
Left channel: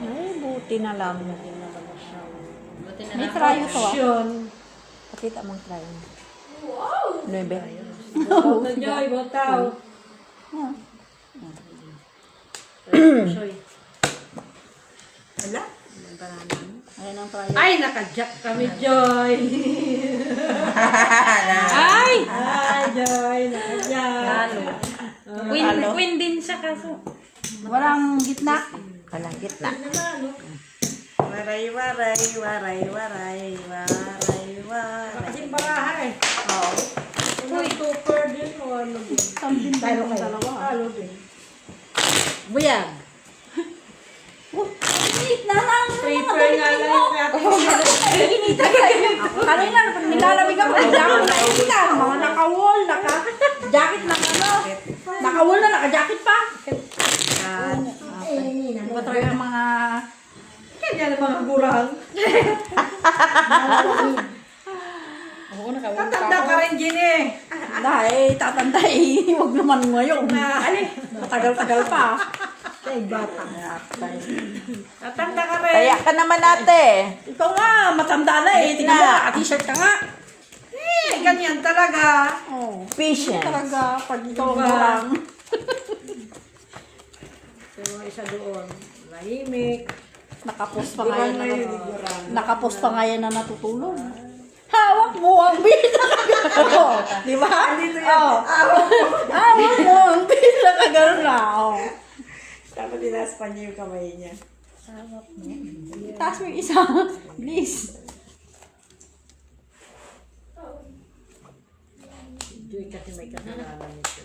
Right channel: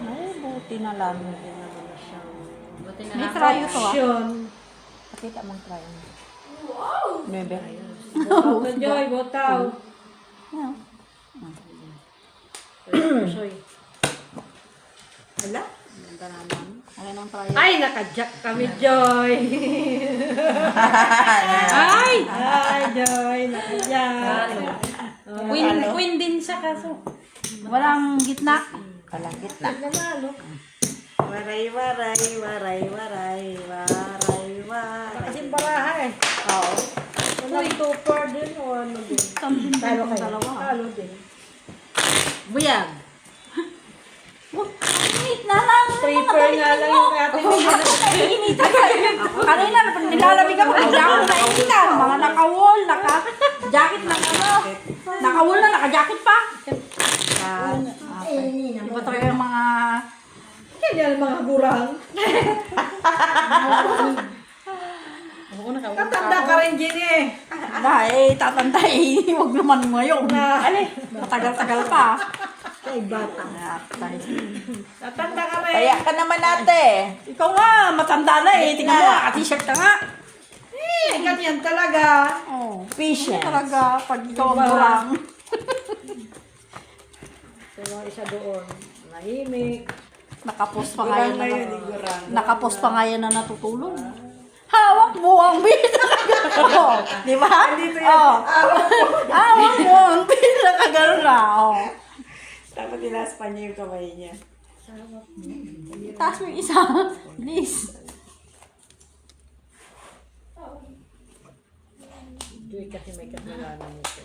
Ay, buti na lang. Buti na May lang. trayo to ah. Action. Pakita mong try mo. 9. Botaw na Joy, botaw. Soy. Wala. Alin ang trayo? Ay, naka-jack kami, Joy. Ay! Ay, Joy, naka-jack. Queen din siya kaso. Walang gitna. Walang gitna. Nanalo. Waray, waray, waray, waray, waray, waray. Kasing baraha eh. Oo. Unang super din o ano din. Talo kayo. Talo din. Buyag. Gitna lang. Stripper nga lang yung kaya. Kanina, nilalamig ako. Hindi ako nakikita. Mga naka-wall, naka-jacket na kayo. Naka-wall na, naka-jacket pa. Iba tayo yung mga... Kaya naman mga gurang. Tatanda ka rin, Gini. Ay, tatantay. Huwag naman ngayon. Tagal-tagal pa. Ay, bata. Tatanda ka rin. Taya ka naman ate. Ikaw nga, matanda na eh. Tingnan mo, naka-t-shirt ka nga. Ganyan talaga. Oh, Patience. talaga, pag ikaw Diba? lang. So, yung isa doon, nahimik. Nakapos pa nga yan. Nakapos pa nga yan na natutulog. Hawak mo ang pinakagano. Di ba? Oh. Hawak mo ang pinakagano na. Oh. Dapat tinaspan niya yung kamay niya. Taas mo yung isa. Please. Joy kasi may kasalanan nito.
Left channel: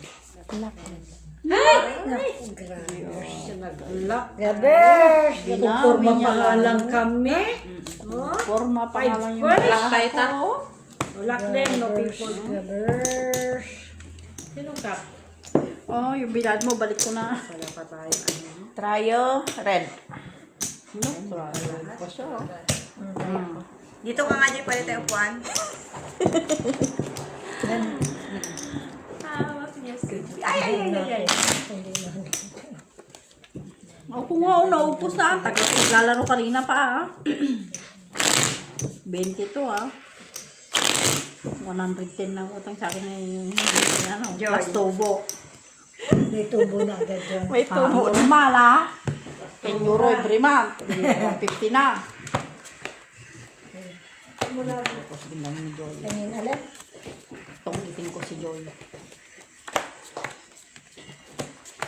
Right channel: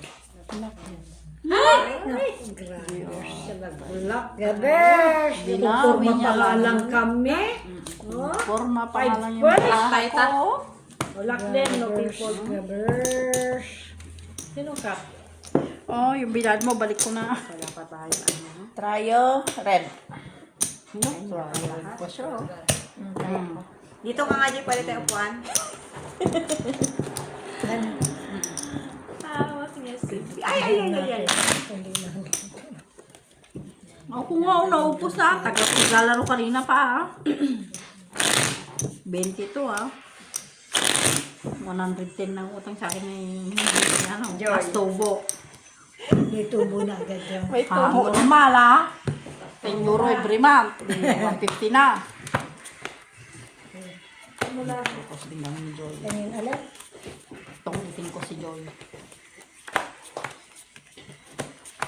Naglak. Gabers! Nagpupurma pa nga lang kami. Oh, Forma pa Five lang yung first. black ko. Lock them, no people. Gabers! Sinong kap? Oh, yung bilad mo, balik ko na. Wala pa tayo. Tryo, red. Dito ka nga di pala tayo upuan. Ako nga, naupos na. Naglalaro kanina pa, ah. 20 to, ah. 110 na utang sa akin na yung plus tubo. May tubo na agad dyan. May tubo. Normal, ah. 10 euro every month. 150 na. Tapos tingnan mo, Joy. Kanin alam? Tungitin ko si Joy.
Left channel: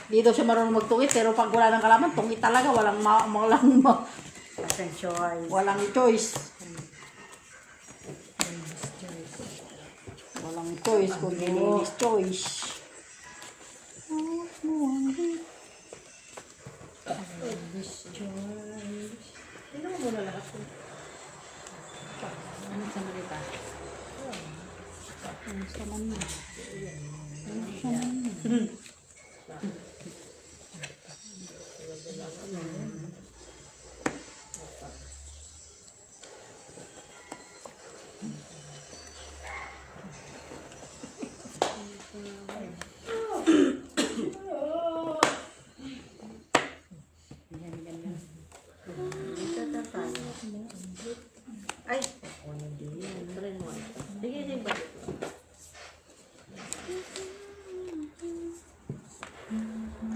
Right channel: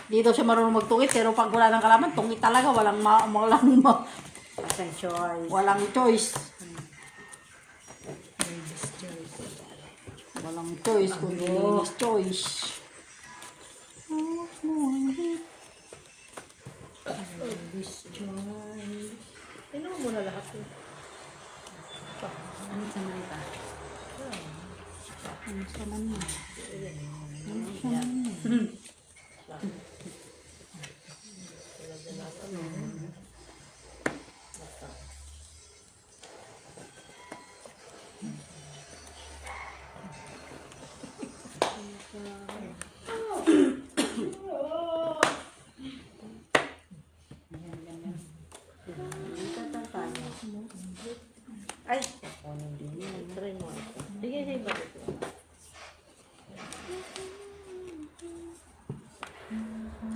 Dito siya marunong magtungit, pero pag wala ng kalaman, tungit talaga. Walang walang choice. Walang choice kung nilinis choice. Sino mo muna lahat to? Ano sa mga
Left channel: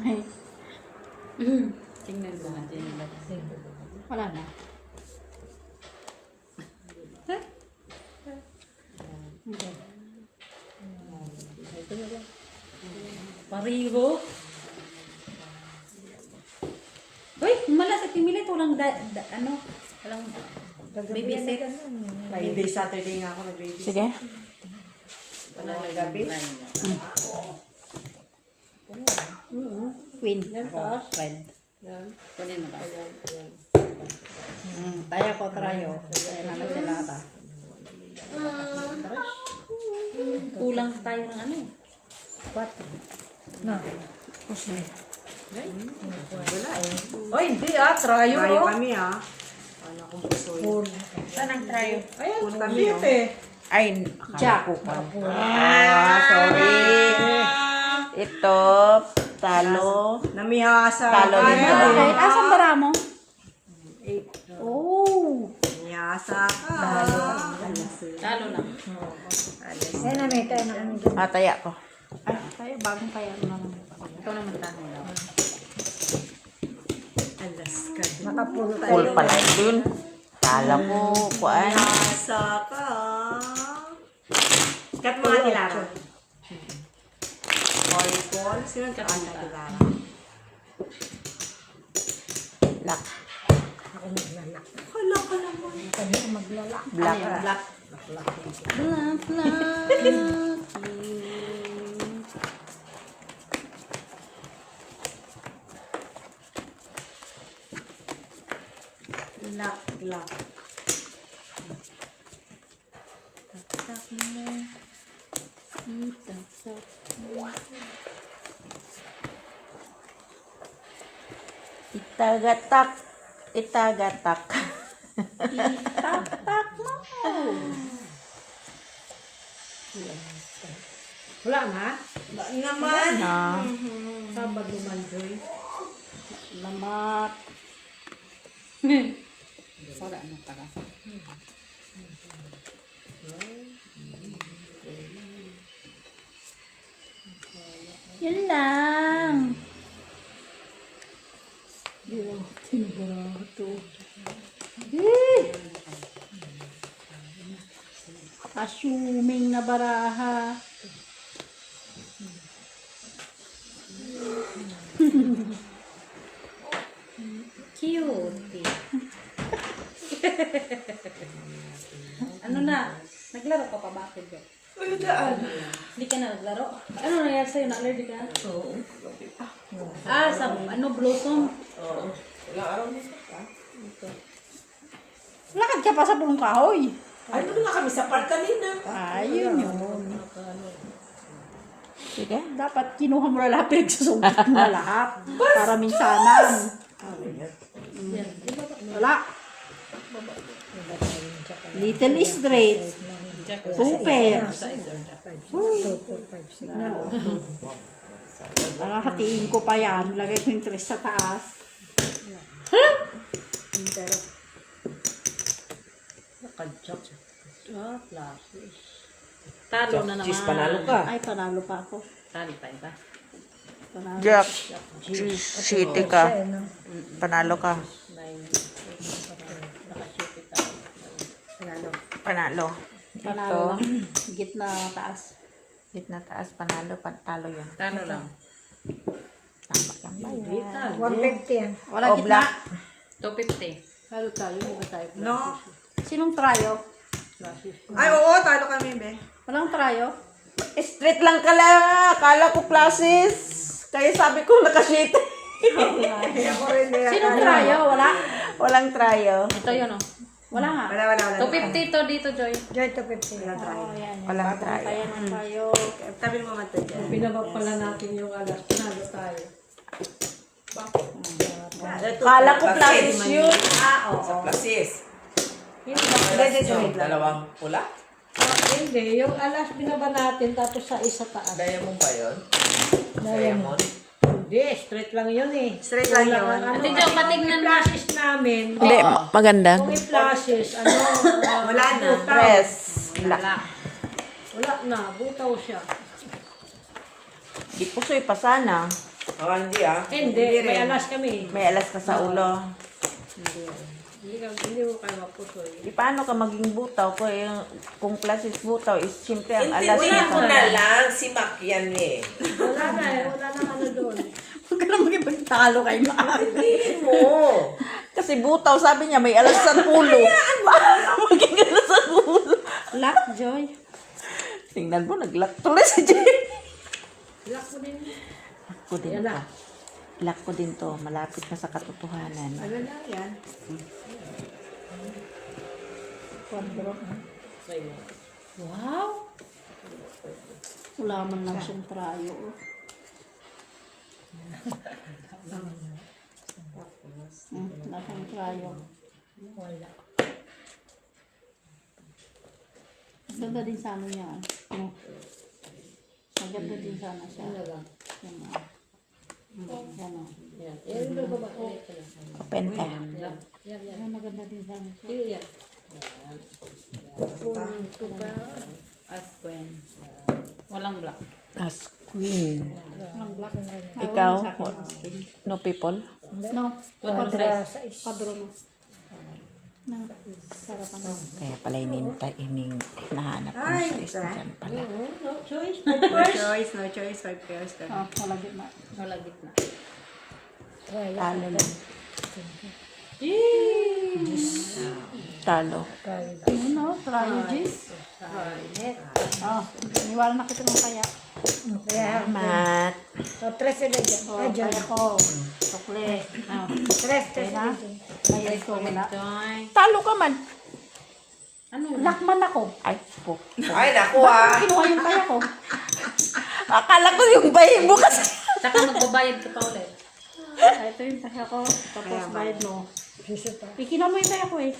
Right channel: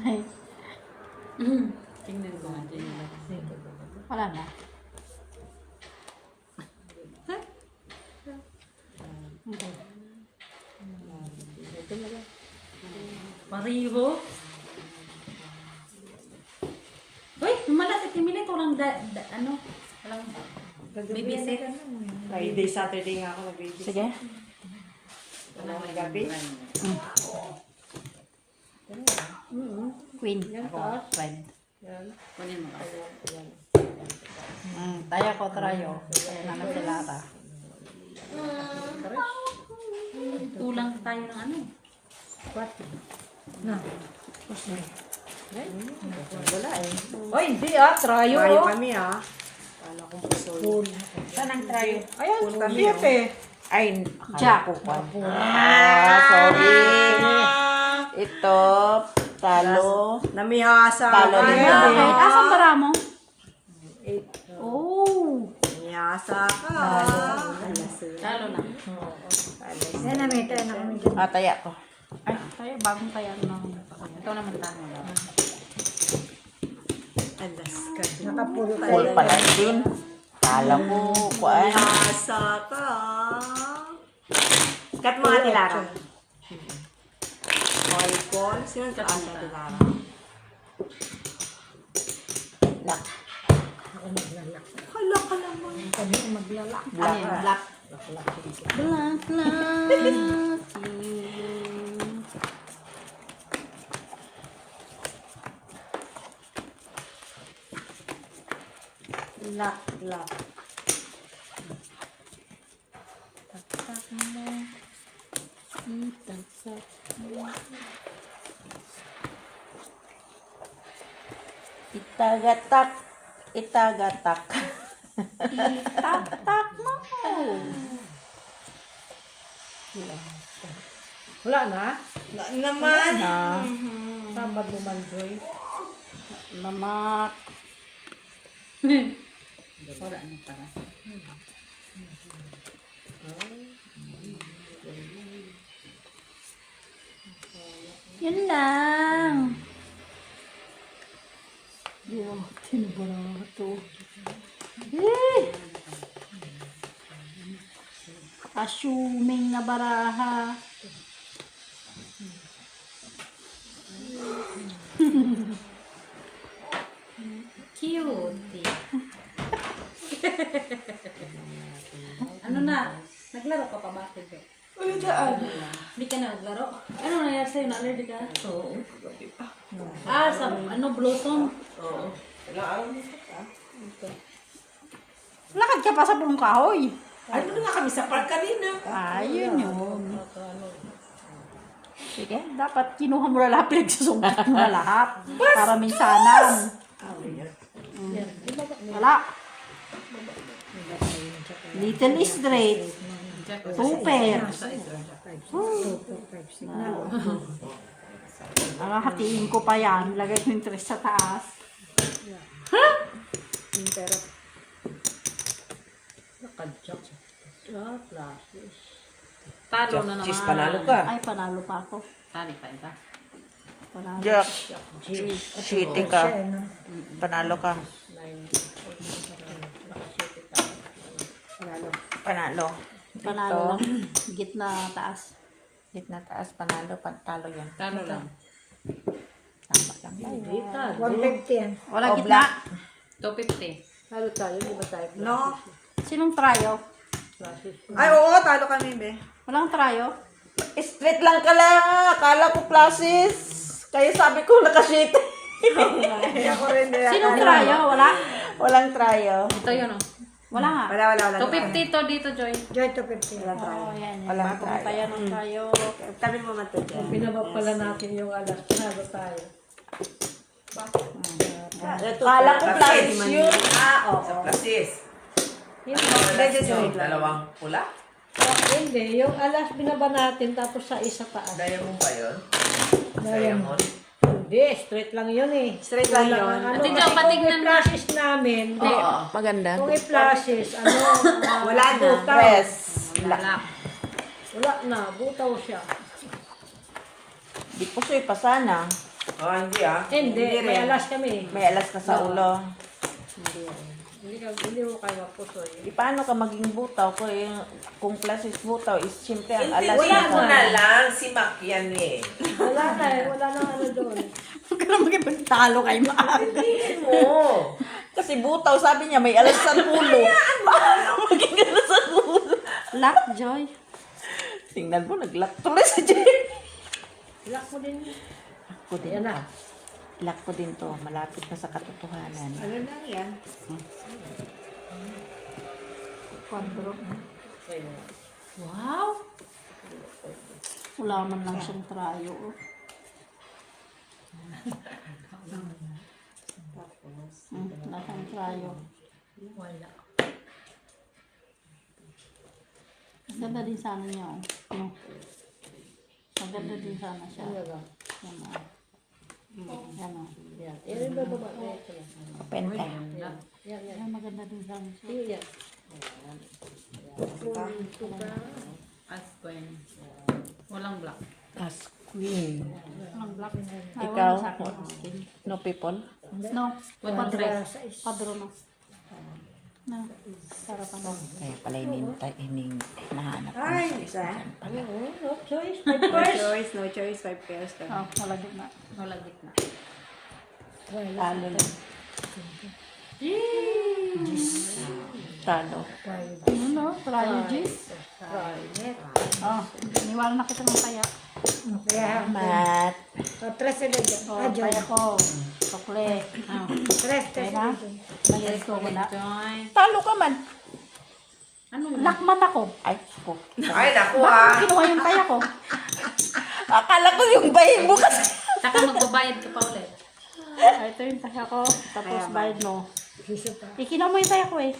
Ay, tingnan ko natin. Wala na. Pariho. Uy, malasik yung milit. Walang ano? Walang babysit. Friday, Saturday nga ako nag-baby. Sige. Ang gabi. Queen. Yan, taas. Queen. Yan. Kunin mo ba? Yan. Tayo ko trayo. Ayan naman sila ka. Kulang tayo ng ano eh. Wala eh. Oy, hindi ah. Trayo Bayo oh. kami ah. Kala kong puso. Saan ang tryo? Ayan, Full kami, beef oh. eh. Ay, Jack. sorry. Ito, talo. Namihasa Talo ka. din Okay, ba? asan bara mo? Eight. Oh. Namihasa ka. Lalo na. Yan na may tayo na kami dyan. Taya ko. Ay, tayo bagong kaya naman. Ikaw naman tanong lang. Alas ka. Nakapulo Full tayo. pala din. Kala ko, kuan. Namihasa ka. Kat mga tilara. Hoy, Paul. Sino ang kat mga tilara? Nak, Ako maglalak. Hala ka naman. Kami ang maglalak. black. Black. Laklak. Lak. Itagatak. Itagatak. Tak mo. Wala na? Naman. Sabad naman, Joy. Lamat. Wala na pala. Yun lang. Yung tinabato. Assuming na baraha. Cute. Ano na? Naglaro ka pa ba? Uy, daan. Hindi ka na naglaro? Ano nangyari sa'yo? Na-allergy ka? Oo. Sa blossom? Lakad ka pa sa pulong kahoy. Ay, doon nga kami sa park kanina. Ayun yun. Sige, dapat kinuha mo na lahat, pinagsusugat mo na lahat. Para minsanan. Wala. Little straight. Super. Mga hatiin ko pa yan. Lagay ko yung tres sa taas. Nakadyak. Flashes. Talo na naman. Cheese, panalo ka. Ay, panalo pa ako. Tali pa iba. Panalo. Jack. City ka. Panalo ka. Panalo. Panalo. Gitna taas. Gitna taas, panalo, talo yan. Talo lang. Hindi ka. 150 yan. Wala Oh, gitna. 250. Halo tayo, buka tayo. No. Sinong trayo? Flashes. Ay, oo, talo ka niya, be. Walang trayo? Straight lang ka lang. Akala ko classes. Kaya sabi ko nakashit. Ako rin. Sinong trayo? Wala? Walang tryo. Ito yun oh. Wala nga. Wala. 250 to dito, Joy. Joy, 250. Oh, yan. Walang tryo. Kaya ng trayo. Tabi mo man ito dyan. Pinabak pala natin yung alas. Halo tayo. Akala ko classes yun. Plasis. Hindi, Yung dalawang pula? Hindi, yung alas binaba natin tapos sa isa taas. Diamond ba yun? Diamond? Hindi, straight lang yun eh. Straight lang yun. Ano, Ate Jo, kung patignan mo. i-flashes namin, Hindi, maganda. kung i-flashes, Wala na. butaw. Press. Wala. Wala na, butaw siya. Di po suy pa sana. Hindi ah. Hindi, may alas kami. May alas ka sa ulo. Hindi mo kayo mapusoy. Di paano ka maging butaw ko yung kung classes butaw is siyempre ang alas Intindihan mo na. na lang si Mac yan eh. Wala na eh, wala na ano doon. Huwag ka na magipagtalo kay Mahal. Intindihin mo. Kasi butaw sabi niya may alas sa ulo. Maging alas sa ulo. Lock, Joy. Tingnan mo, nag-lock tuloy si Jay. Lock mo din. Lock ko din Yan to. na. Lock ko din to. Malapit na sa katotohanan. Ano lang yan? Wow. Wala man lang siyang trayo. Nasang trayo. Wala. Maganda din sana niya. Maganda din sana siya. Ano lang. Yan. Yan. Eh, bababa ko. Open ka. Yan, yan. Ay, maganda din sana siya. Hindi yan. Ito pa. As queen. Walang black. As queen. Ang black. Ikaw? No people? No. Quadra sa isa. Padro no. Na. Sarapan. Kaya pala hinahanap mo Ay, sa isa. dyan pala. No choice. No choice, 5 pairs ka. Oh, wala din na. Wala gitna. Talo lang. Talo. Ano? Trayo, Gis? Oh, niwala na kita ng kaya. Kaya, Mat. tres na dyan. Oh, kaya ko. Sokle. Oh. Tres Kaya? na dyan. Kaya ko wala. Joy. Talo ka man. Ano? Lakman ako. Ay, po. Ay, naku ah. Kinuha yung kaya ko. Akala ko yung bahay mo kasi. Saka magbabayad ka pa ulit. Ito yung kaya ko. Tapos bayad no. Ikinamoy tayo ko eh.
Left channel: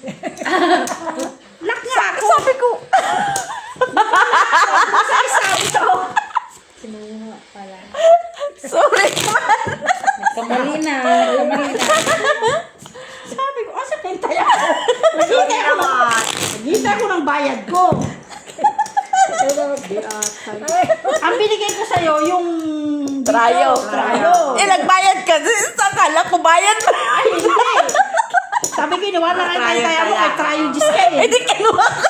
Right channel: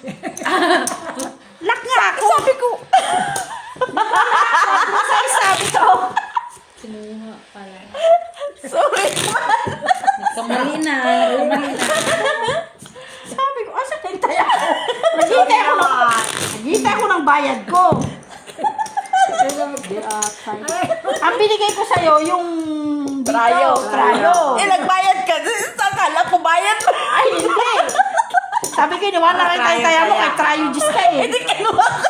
Lak nga! Sabi ko! Sinuha pala. Sorry. Nagkamali na. Sabi ko, asa kintay ako? Naghintay ko ng bayad ko. Ang binigay ko sa'yo, yung dito, Trayo. trayo. Eh, nagbayad ka. Sakala ko bayad na. Ay, hindi. Sabi ko, inuwan na rin tayo mo kay trayo Diyos ka eh. Hindi kinuha ko.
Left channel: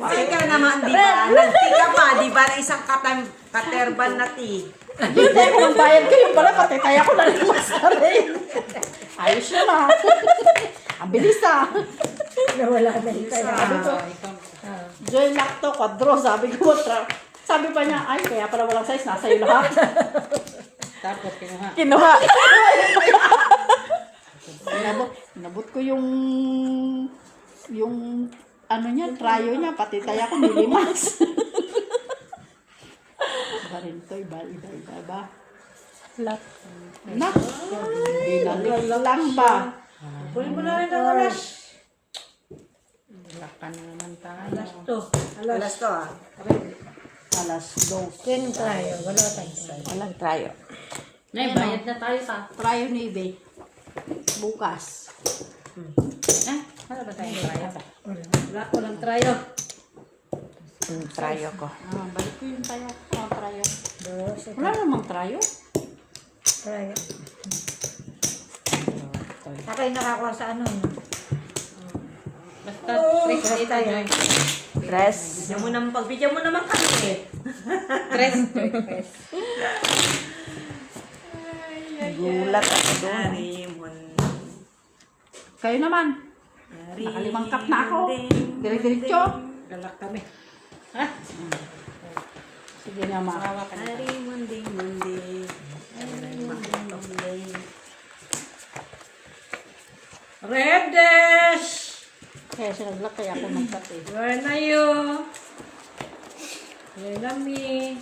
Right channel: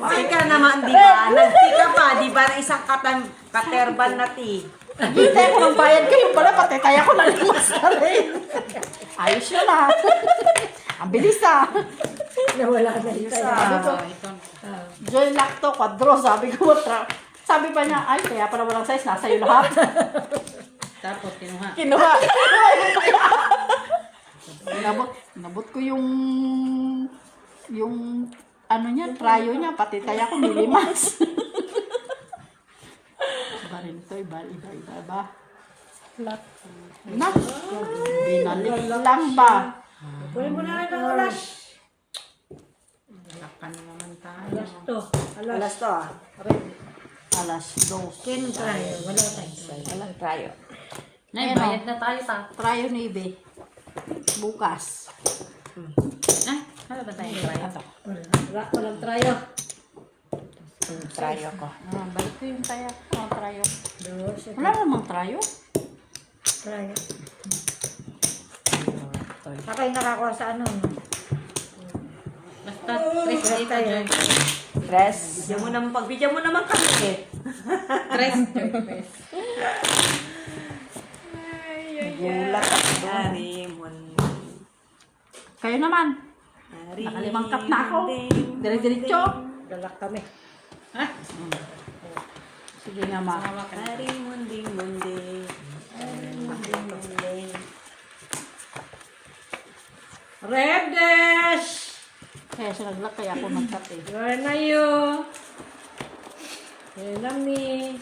Ay ka naman, di ba? Nagtika pa, di ba? Ng isang katerban na ti. Hintay ko ng bayad ko, yung pala pati kaya ko nalimas na rin. Ayos yun ah. Ang bilis ah. Nawala na yung tayo. Sabi ko, Joy Lacto, Quadro, sabi ko, sabi pa niya, ay, kaya pala walang size, nasa iyo lahat. Tapos kinuha. Kinuha. Inabot ko yung ano niya, trayo niya, pati taya ko nilimas. Ba rin ito, iba ba? Lak. Nak, binalik lang ba? Kunin mo na rin ang oras. Lakan naman tayo. Alas to. Alas to ah. Alas 2. Ken tayo. Wala tayong. Walang trayo. Ngay, bayad na tayo ta. Trayo ni Ibe. Bukas. Wala ba tayo bayad? Wala. Walang trayo. Trayo ko. Balik ko yung taya, trayo. Dos. Wala namang trayo. Trayo. Ako yung nakakuha sa ano. No? Basta, tres tayo. Tres. Pagbigyan mo naman kami eh. Tres. Gulat ako doon. Kayo naman. Nakalimang cup na ako. Dire-diretso. Galak kami. Sige nga ma. Redes! Kaya sinaglat kaya ako magkat eh. Where na you? Where na me?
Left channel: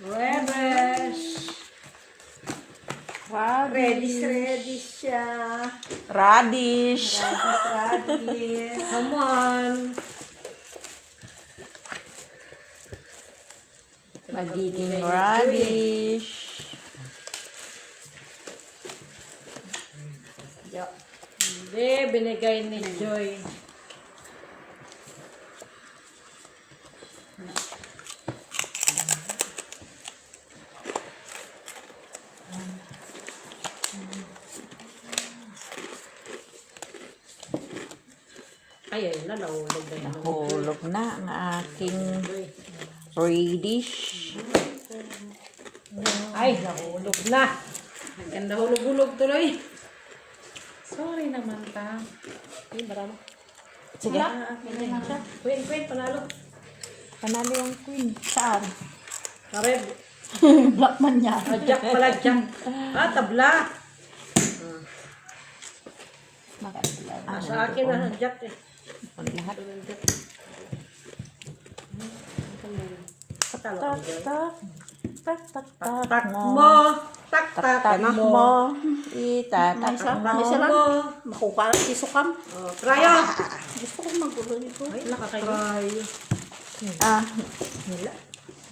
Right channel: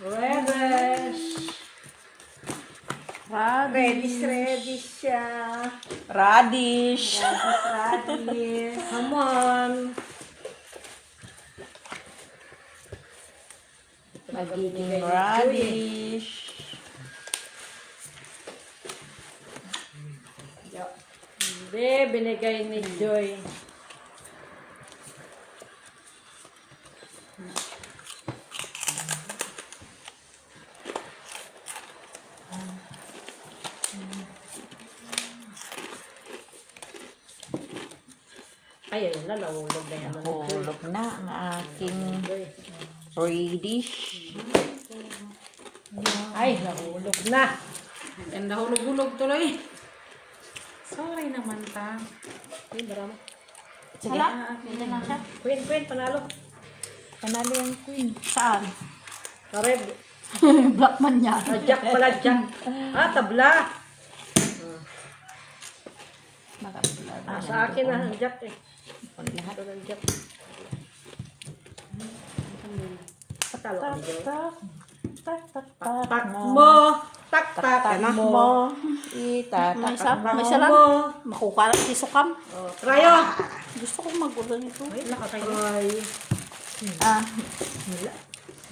Redes! Ready siya. Radish. Ready. Come on. Nagiging radish. Hindi, binigay ni Joy. Ay, nalawulog na yan. Hulog na ang aking radish. Ay, nahulog na. Ganda hulog-hulog tuloy. Sorry naman pa. Ay, marama. Sige. Queen, panalo. Panalo yung queen. Saan? Kareb. Blackman niya. Ah, Jack pala, Jack. Ah, tabla. Ah, sa akin na, Jack eh. Lahat. Ito ng Jack. Patalo ka, Joy. Tak Mo. Tak Tanak mo. mo. May Itatak isa, mo. may isa lang. Mo. Makuka ng piso kam. Oh, trayo. Gusto ko magulo nito. Try. Ah.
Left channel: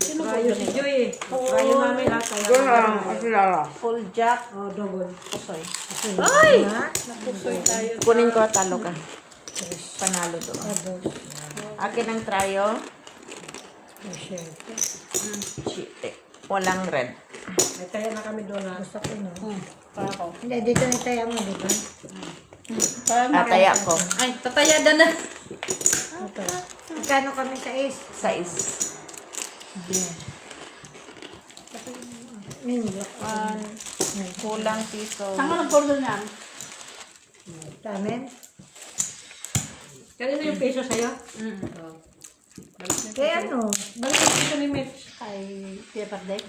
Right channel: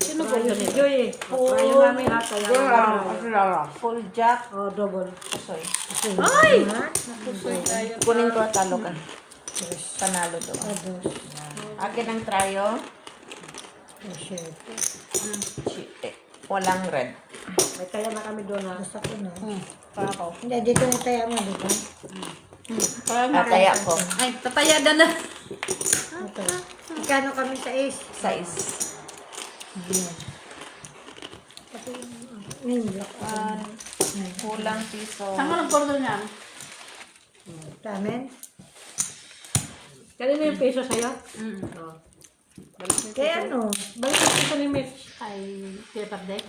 Trayo si Joy eh. Trayo namin lahat. Full jack. Oh, double. Ay! Ha? Kunin ko at talo ka. Panalo doon. Akin ang trayo. Walang red. May tayo na kami doon ha. Gusto ko na. Hindi, dito na tayo mo, di ba? Ataya ko. Ay, tatayada na. Okay. Magkano kami sa ace? Sais. Kulang piso. Saan ka nag-order niyan? Sa amin? Kanina yung peso sa'yo? Oh. Kaya ano? Balik yung peso ni Mitch. Kay Paper Day.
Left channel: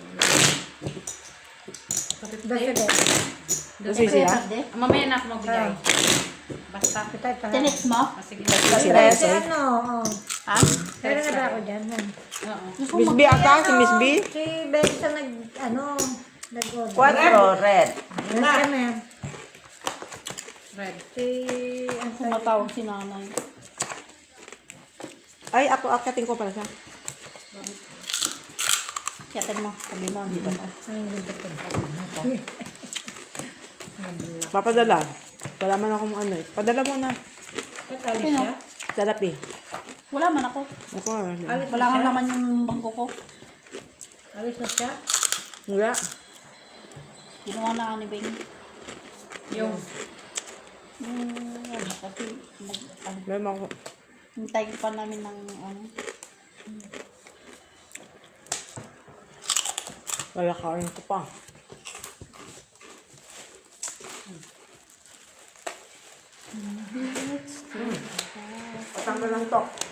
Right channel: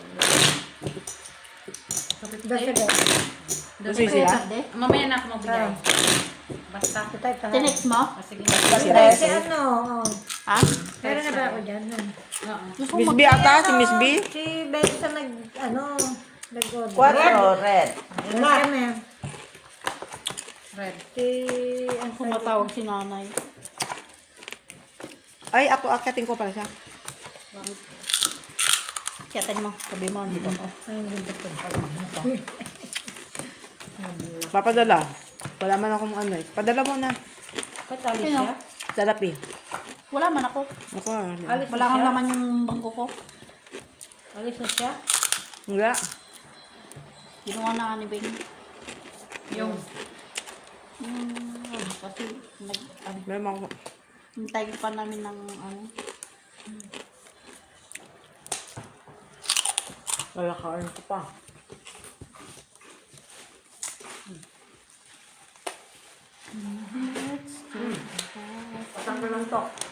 Basta din. Gusto sila? Day? Mamaya na ako magbigay. Basta. Ito tayo pa. Tinex mo? Sige. Kasi ano, Ha? meron na ba ako dyan? Oo. Miss B ata? Si Miss B? Si Besta nag, ano, Nag-order. 4, red. Red kami. Red. Ang Tumatawag si nanay. Ay, ako akyatin ko pala siya. Kiyatin mo. Sabi mo, dito mo. Papadala. Wala man akong ano eh. Padala mo na. Sino? Therapy. Wala man ako. Ako Wala nga naman yung bangko ko. Alis na siya. Wala. Ginawa na ka ni Bing. Yung. Kasi, Meron ako. hintay pa namin ng Lalakain ko pa.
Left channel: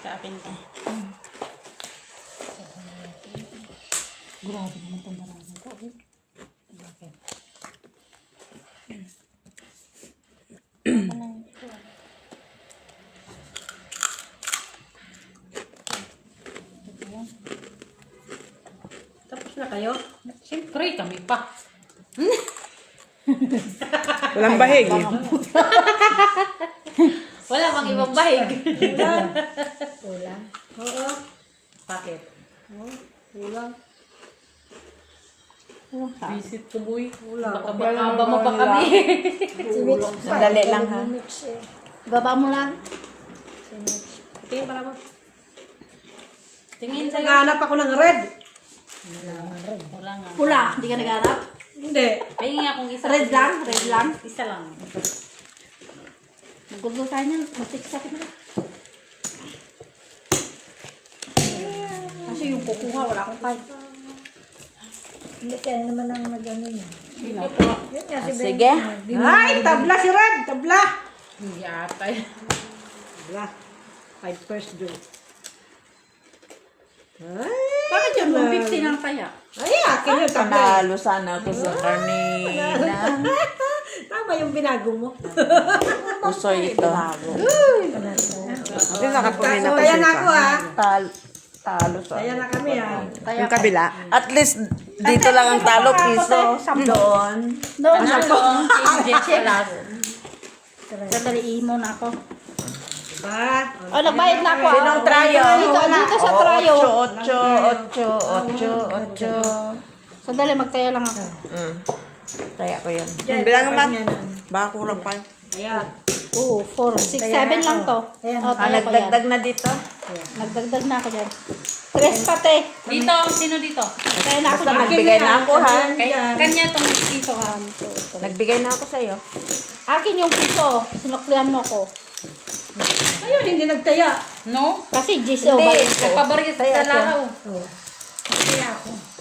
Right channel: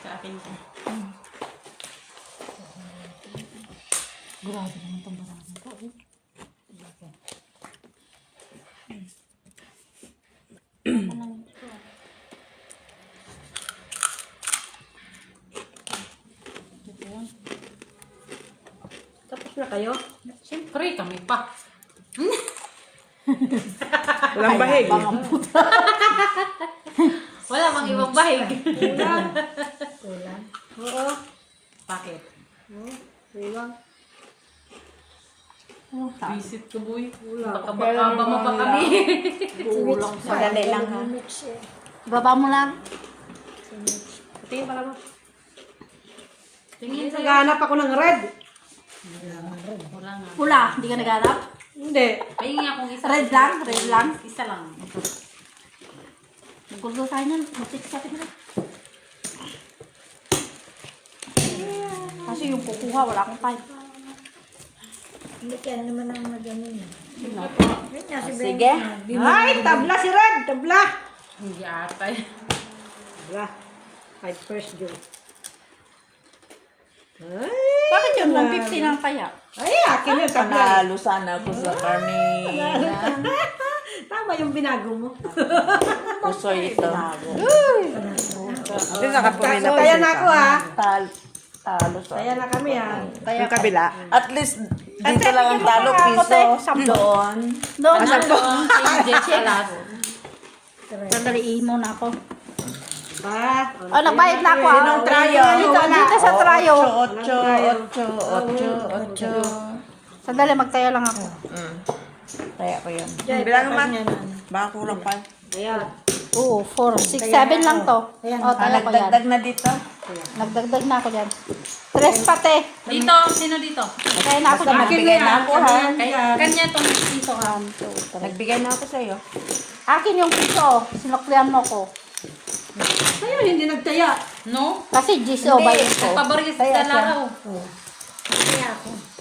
sa akin ko. Tapos na kayo? Siyempre, kami pa. Walang bahig eh. Wala bang ibang bahig. Kulang. Oo. Bakit? Kulang. Visit ko, boy. Kulang. Baka makaba mo pa kami. Madali lang ha. Baba mo lang. Tingin pala mo. Tingin sa'yo. Naghahanap ako ng red. Wala nga. Pula, hindi ka nag-arap. Hindi. Pahingi akong isa. Red lang, red lang. Isa lang. Nagulgo tayo niyan. Matik sa akin na. Kasi yung kukuha, wala akong time. Hindi kaya naman ang nag-ano niya. Yun nga si Ben. Sige. Ay, tabla si Red. Tabla. Hindi ata. Tabla. 5 first due. Bakit yun? 150 lang kaya? Ay, akin yung tabla. Panalo sana ako sa Carmina. Tama yung binago mo. Pusoy ito. Kasi nakapumila pa Kaya siya. na ako ha. Talo sa Kaya na kami ha. Yung kabila. At least, dito lang ang talo, piso. Doon. Doon, Ano ang changes sa lahat? Sandaliin mo na ako. Ba? Oh, nagbayad na ako. Sinong trayo? Dito sa trayo. 8. Sandali, magtaya lang ako. Kaya ko yun. Bilang naman. Baka kulang pa. Ayan. Oo, 4, 6, 7 lang to. Ayan. Oh, taya ko yan. Nagdagdag na dito. Nagdagdag na ako dyan. 3 pati. Dito, sino dito? Kaya na ako Basta dyan. nagbigay na ako ha. Kanya itong piso ha. Nagbigay na ako sa'yo. Akin yung piso. Sinuklihan mo ko. Ayun, hindi nagtaya. No? Kasi Giso, Hindi. bayad ko. Nagpabaris Kaya sa siya. laraw.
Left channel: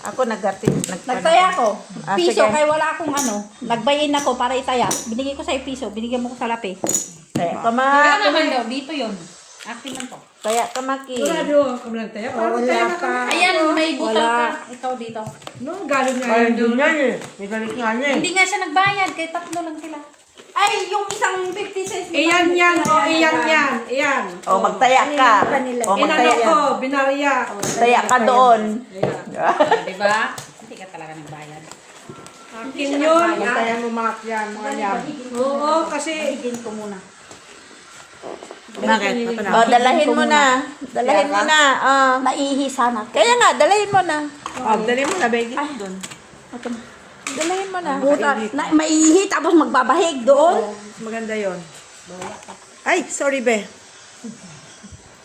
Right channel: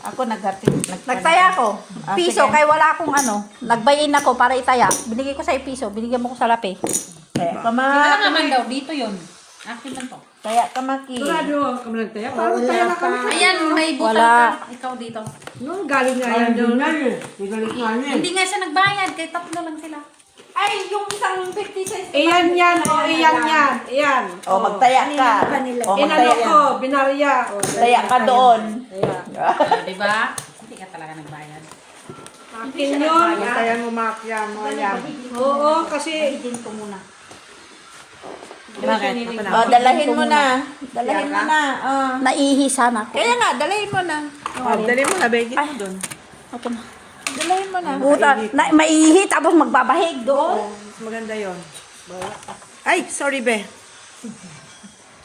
Ako naghatid. Nagtaya ko. Ah, Piso, sige. kaya wala akong ano. Nagbayin ako para itaya. Binigay ko sa'yo piso. Binigyan mo ko sa lapi. Kaya ka Kaya naman daw, dito yun. Akin man to. Kaya ka maki. Sigurado kami nagtaya. Wala pa. Ayan, may butal Wala. ka. Ikaw dito. No, galing nga yun doon. Hindi nga siya nagbayad, kaya 3 lang sila. Ay, yung isang 50 cents. Iyan yan. O, iyan yan. Iyan. O, magtaya ka. O, Inano magtaya. ko, binarya. O, Taya ka doon. Ayan. Diba? Hindi ka talaga nagbayad. Akin yun. Kaya mo makya mo yan. Oo, kasi Din ko muna. Bakit? O, dalahin mo na. Dalahin mo na. Naihi sana. Kaya nga, dalahin mo na. Dali mo na, begit mo doon. Ito na. Dalahin mo na. Buta, maihi tapos magbabahig doon. Mas maganda yon. Ay, sorry be.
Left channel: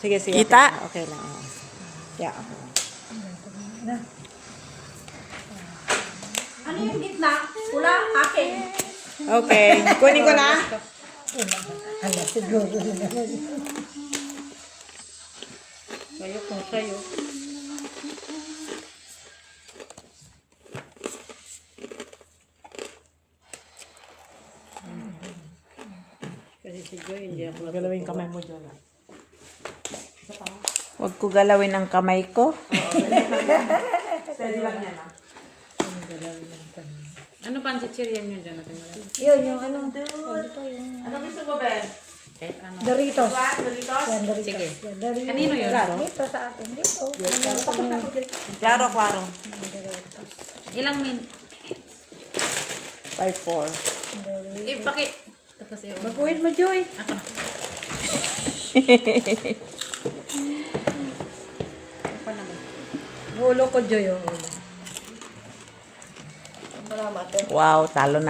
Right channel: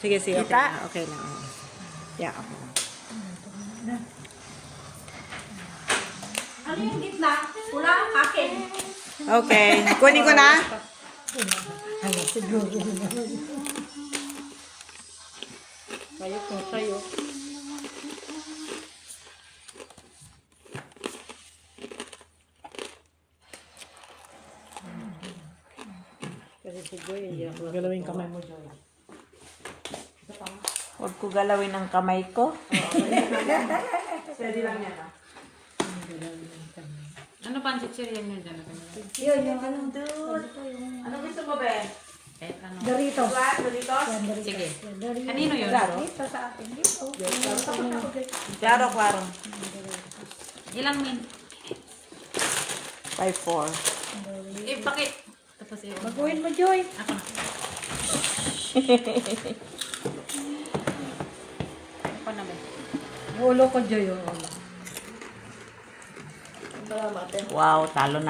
Sige, sige. Kita? Okay lang. Yeah, okay lang. Ano yung gitna? Pula, akin. Okay. Kunin ko na. Kaya kung sa'yo. Galawin kamay mo dyan. Huwag ko galawin ang kamay ko. Steady lang yan. Ano pa ang chichirya niyo dyan? yun yung ano. Ano gusto mo, be? Kahit ano. Doritos. Doritos? Yan, Doritos. Sige. Yan, Doritos. Kanino yun? Dito sa atin. Dito. Klaro, klaro. Ilang min? 5-4. Mag-uwin mo, Joy. Ulo ko, Joy. Wow, talo na.